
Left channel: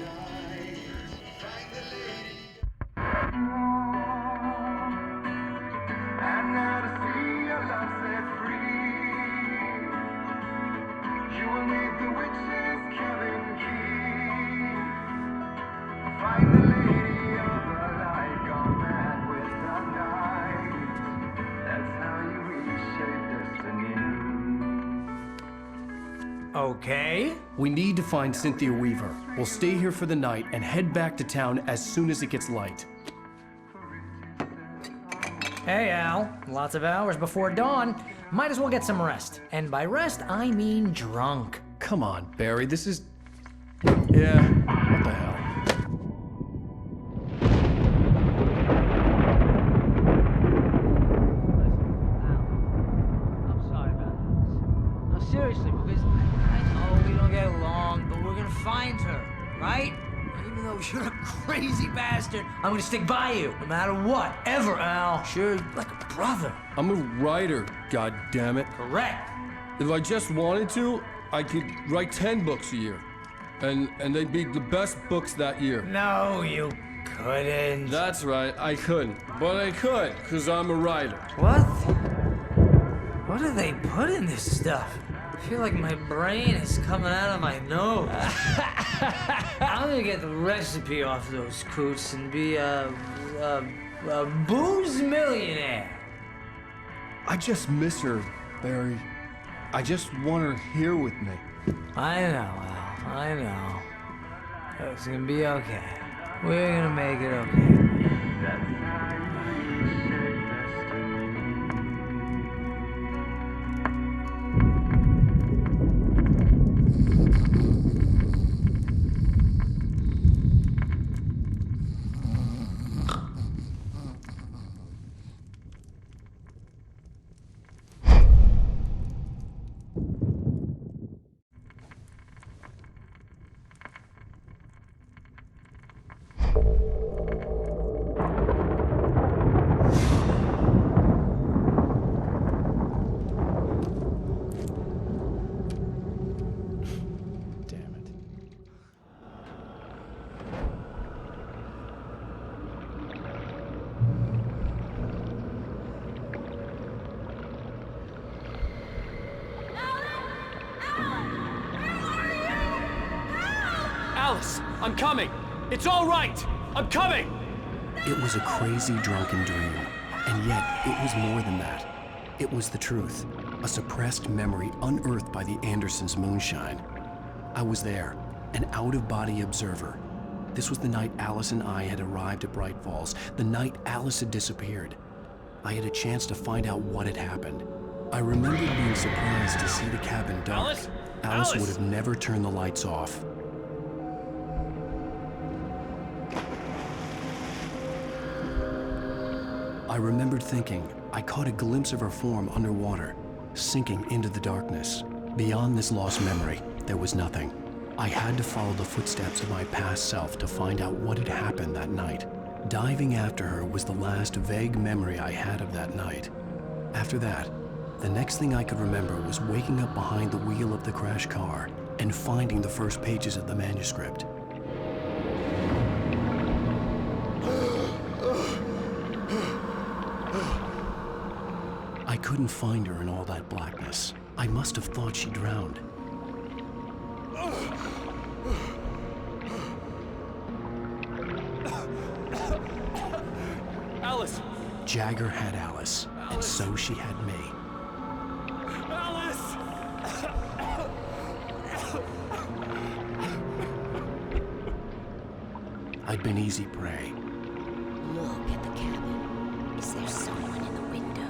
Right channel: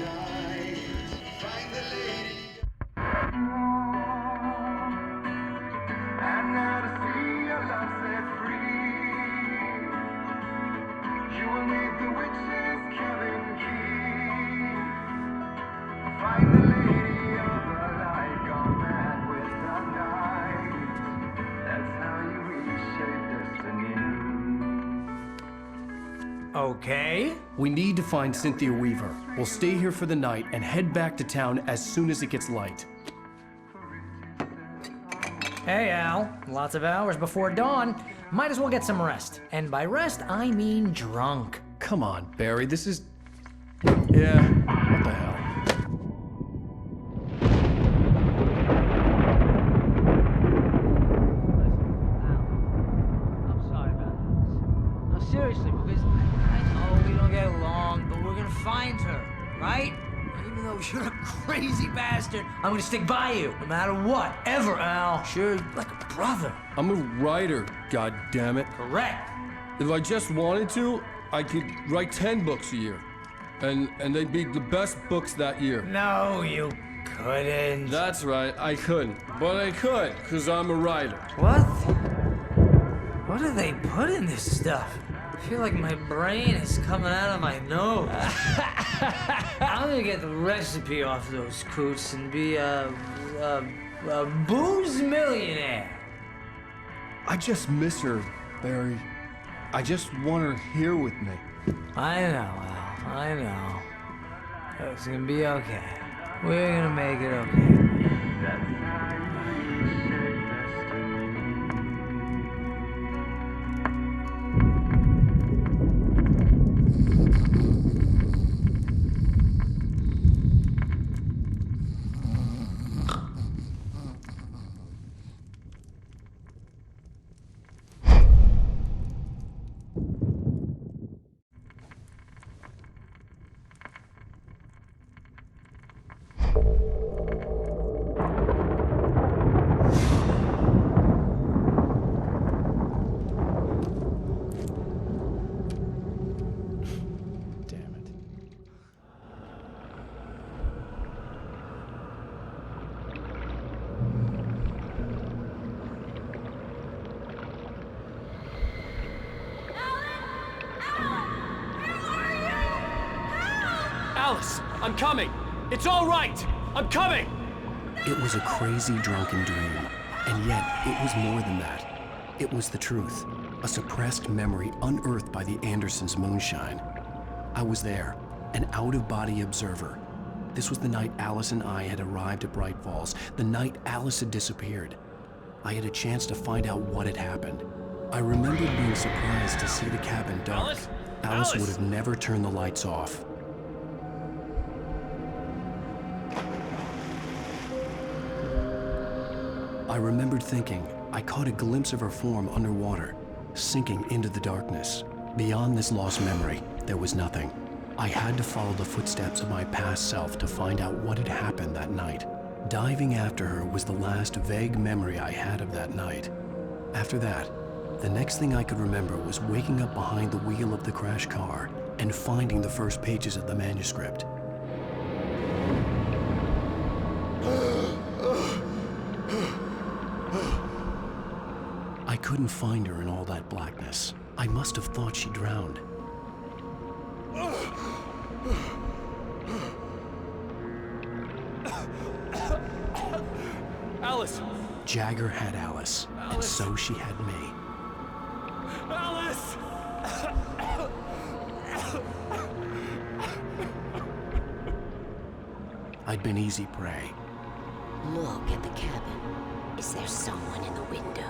Okay. We need to find Cynthia Weaver. We'll stay here for the night and head back to town as soon as it gets light. Hey, Al. Lots of hours before dawn. Might as well get some rest. And by rest, I mean drunk. Come on, Barry, this is... Yeah, what the hell? I'm sorry about this. No, seriously, because I know we don't get along, but we're gonna find her, right? Even though you're a crazy bastard, I'm gonna stick by you, no matter what, ever, Al. Sure, like a brother. I'm a writer, goddammit. Correct. If I just wanted to, I could write 10 books a year. And they'd be the best books that year. No, you couldn't. That's right, I couldn't. But I could, because I'm a writer. What? What do they put in this stuff? I feel like my brain is coming out of my nose. I'm gonna get the recipe off those coots and be a booze millionaire. I just miss her, Barry. I just want her here with me. I know, Al. I know. It's gonna be okay. We're gonna make it okay. Alice, I'm coming! It's all right! I'm coming! It was a crazy drunken dream, and yet it was more than that. It was the truth, a suppressed memory unearthed by the Andersons' moonshine. I was there, an out-of-body observer. This was the night Alice and I had arrived at Bright Falls, the night Alice had disappeared. I had a chance to find out what had happened. I remembered being surprised to see the cabin dark. Alice would have never turned the lights off. I remembered thinking I caught a glimpse of her form underwater, sinking into the darkness. Beyond this lost memory, there was nothing. I had to follow the footsteps of my past self to find out what had happened that night. Diving after her was the last vague memory I had of that night. After that, the next thing I could remember was waking up behind the wheel of the crashed car and finding the first pages of the manuscript. I couldn't find her in all that blackness. I must have thought she drowned. Alice! Jagger had Alice, and so she had me. Alice! I'd been easy prey. Look at the cabin. Is there someone in the window?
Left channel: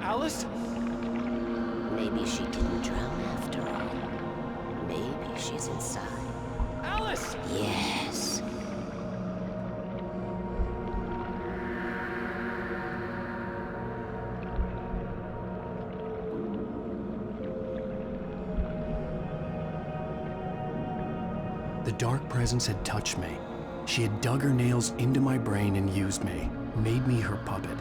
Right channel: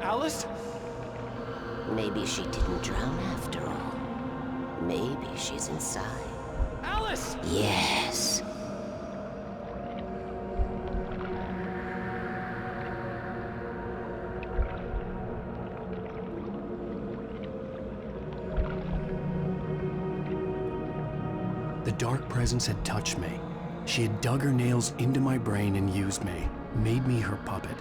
Alice? Maybe she didn't drown after all. Maybe she's inside. Alice! Yes. The dark presence had touched me. She had dug her nails into my brain and used me, made me her puppet.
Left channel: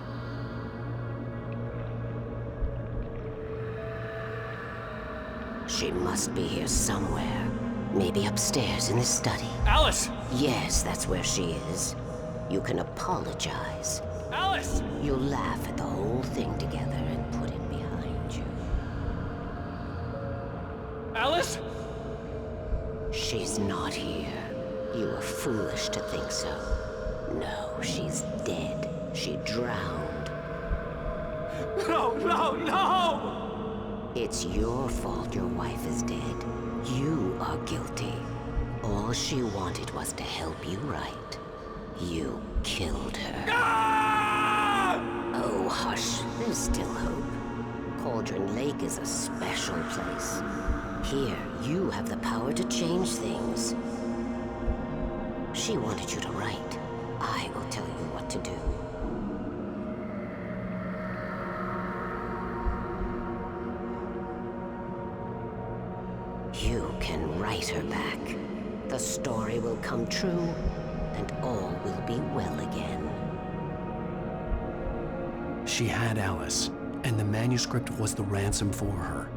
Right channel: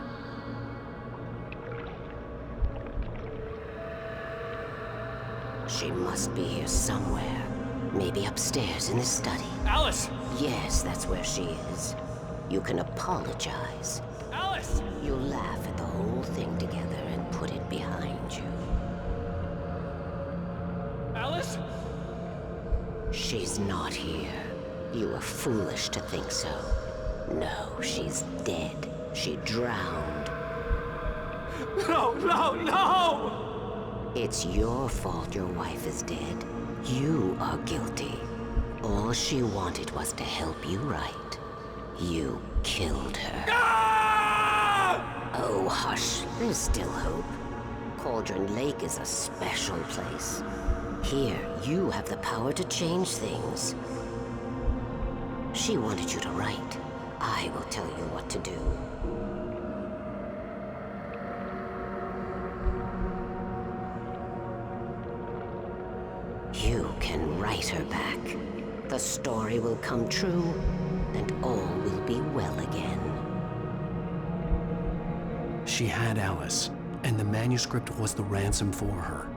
She must be here somewhere. Maybe upstairs in the study. Alice! Yes, that's where she is. You can apologize. Alice! You'll laugh at the whole thing together and put it behind you. Alice? She's not here. You were foolish to think so. No, she's dead. She drowned. No, no, no! It's your fault your wife is dead. You are guilty. All she wanted was to help you right. You killed her. Ah! Oh, hush. There's still hope. Cauldron Lake is a special place. Here, you have the power to change things. She wanted you to write. I will tell you what to do. You can write her back. The story will come true, and all will be well again. She had Alice, and the manuscript was the ransom for her.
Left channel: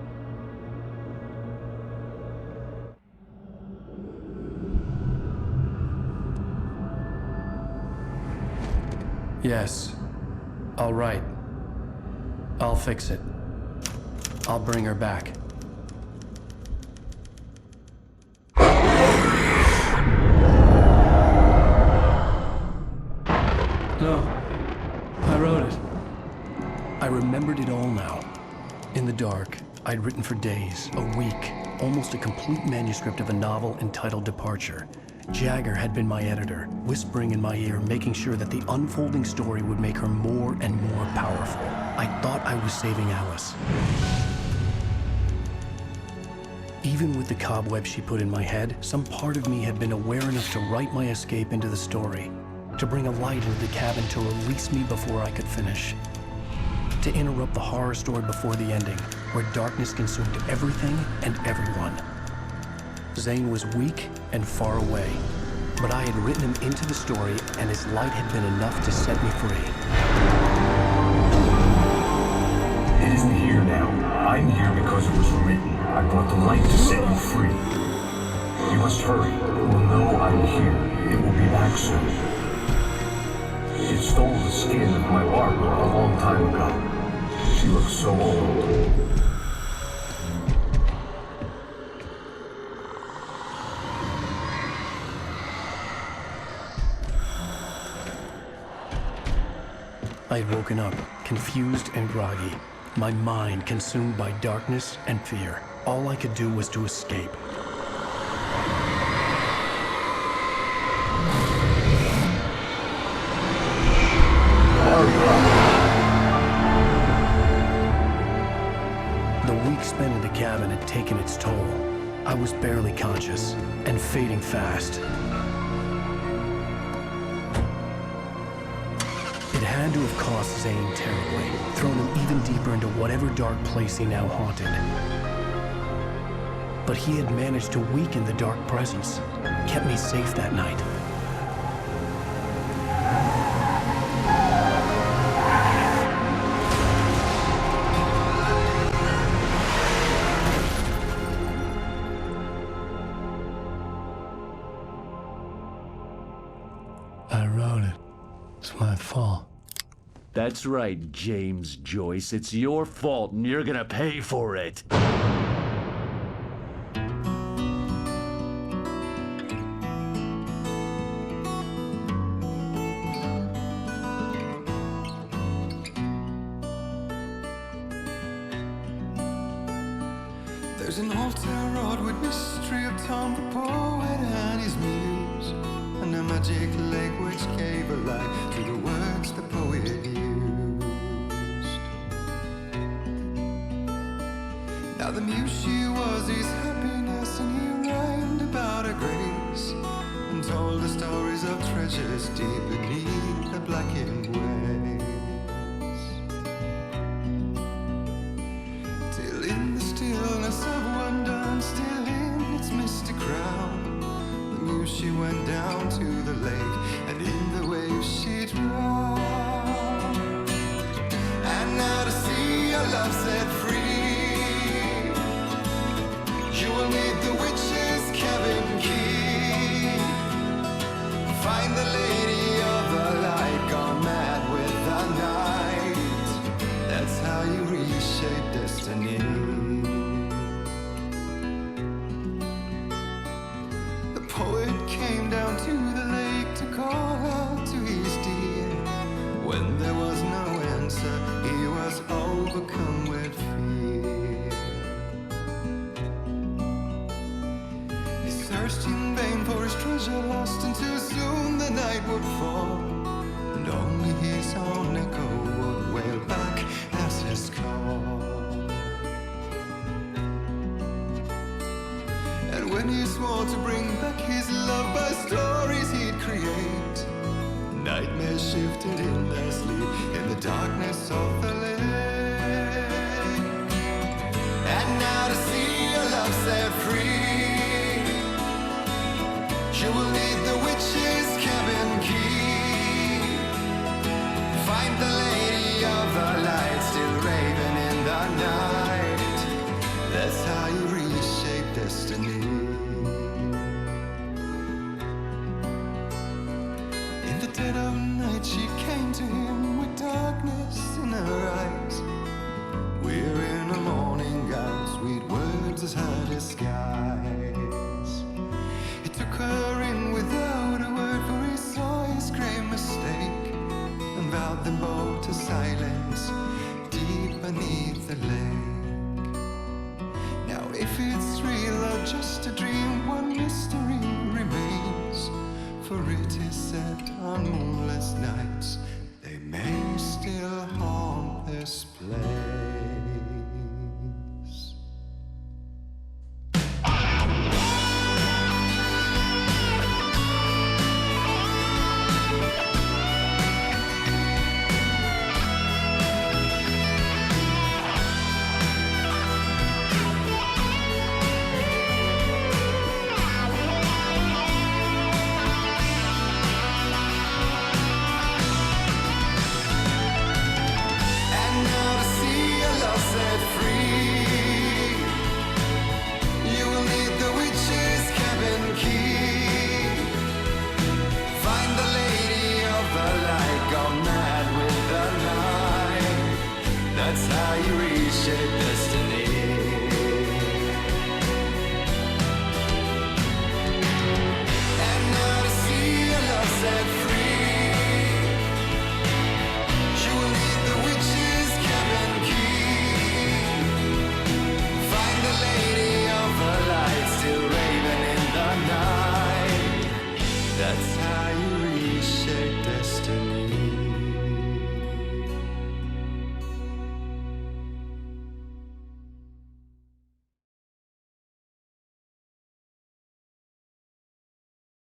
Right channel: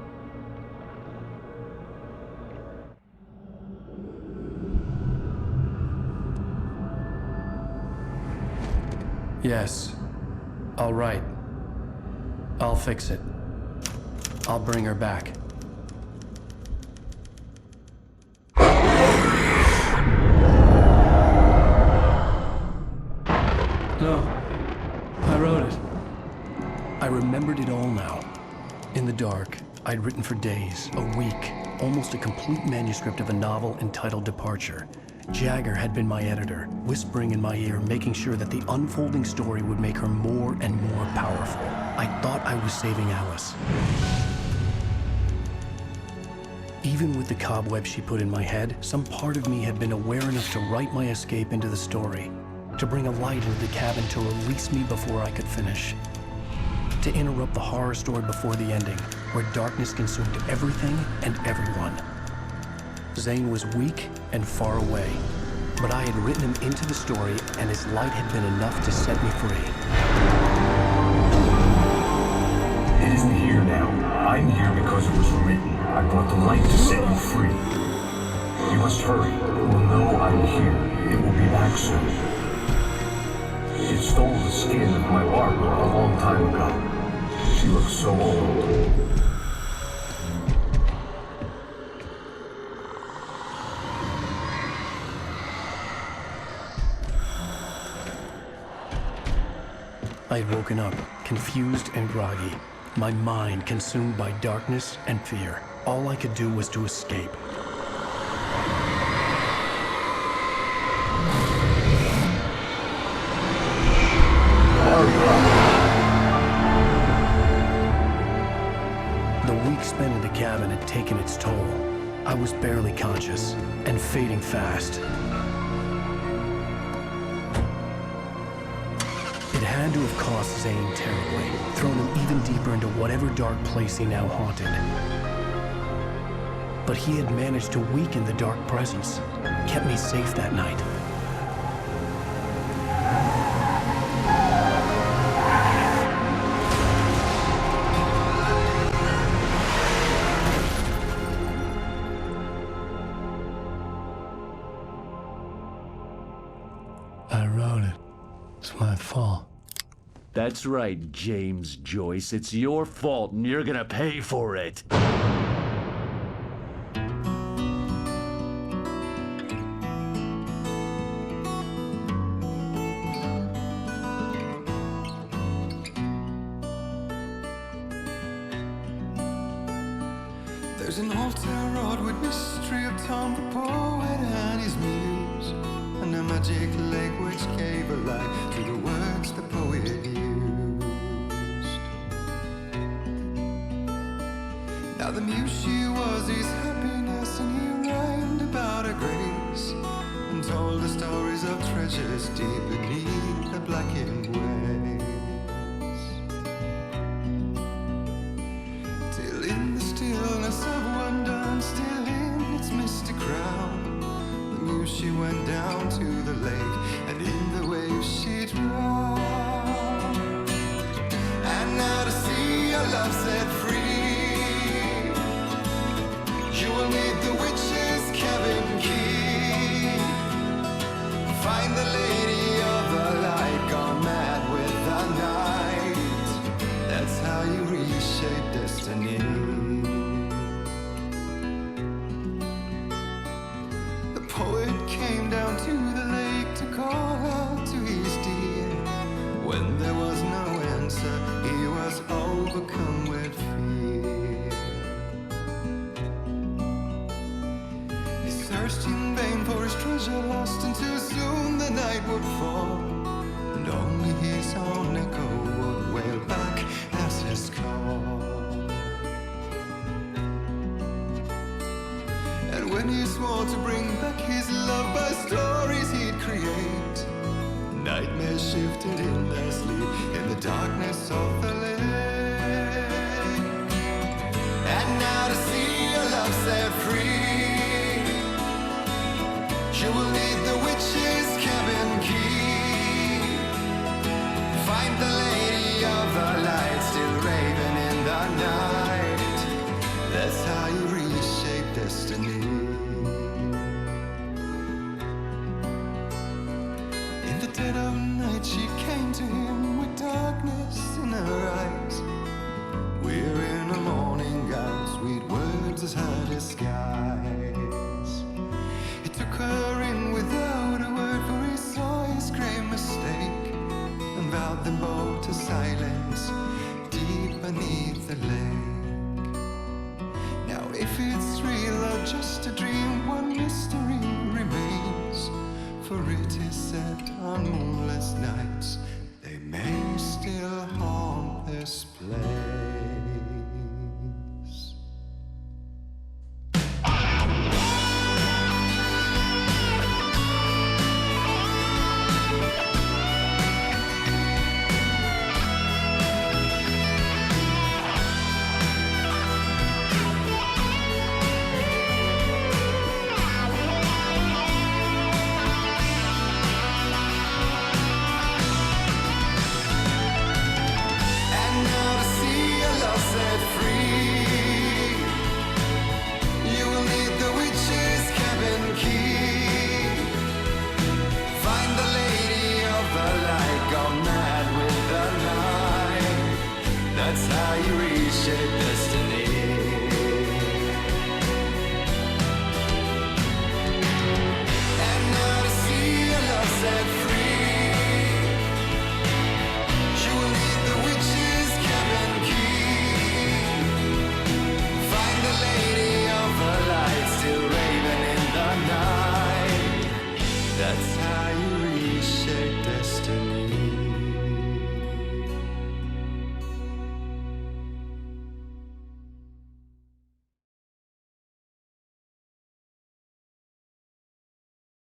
Yes. I'll write. I'll fix it. I'll bring her back. No. I wrote it. I remembered it all now. In the dark, I'd written for days, a week, almost a complete manuscript of a novel entitled Departure. Jagger had been my editor, whispering in my ear, making sure that the unfolding story would make her more and more powerful. I thought I was saving Alice. Even with the cobweb she put in my head, some part of me had been aware enough to write my escape into the story, to bring a light into the cabin to release me before I could finish, to interrupt the horror story before the ending, where darkness consumed everything and everyone. Zane was weak and far away, but I had written him into the story, and his light had been enough to set me free. It isn't here now. I'm here because it was written. I brought the light to set you free. You must hurry. It will know I'm here. It will be back soon. It stole the skin of my Barbara a long time ago. She looks so old. I had woken up, confused and groggy, my mind consumed by darkness and fear. All I could do was to escape. The week spent in the cabin had taken its toll. I was barely conscious and fading fast. It had to have cost Zane terribly, thrown him even deeper into whatever dark place he now haunted. But he had managed to weaken the dark presence, kept me safe that night. I wrote it. It's my fault. That's right, James Joyce. It's your fault, and you're gonna pay for it. There's an old town road with mystery of Tom the poet and his muse, and a magic lake which gave a life to the words the poet used. Now the muse she was his happiness, and he rhymed about her grace, and told the stories of treasures deep beneath the blackened waves. Till in the stillness of wonder, still in its misty crown, the muse she went down to the lake, and in the waves she drowned. And now to see your love set free, you will need the witch's cabin key. Find the lady of the light, gone mad with the night. That's how you reshape destiny. The poet came down to the lake to call out to his dear. When there was no answer, he was overcome with fear. He searched in vain for his treasure lost, and too soon the night would fall, and only his own echo would wail back as his call. And when he swore to bring back his love by stories he'd create, nightmares shifted in their sleep in the darkness of the lake. And now to see your love set free, you will need the witch's cabin key. Find the lady of the light, still raving in the night. That's how you reshape destiny. In the dead of night she came to him with darkness in her eyes. We're in a morning gown, sweet words as her disguise. He took her in without a word, for he saw his grave mistake, and vowed them both to silence deep beneath the lake. Now if it's real or just a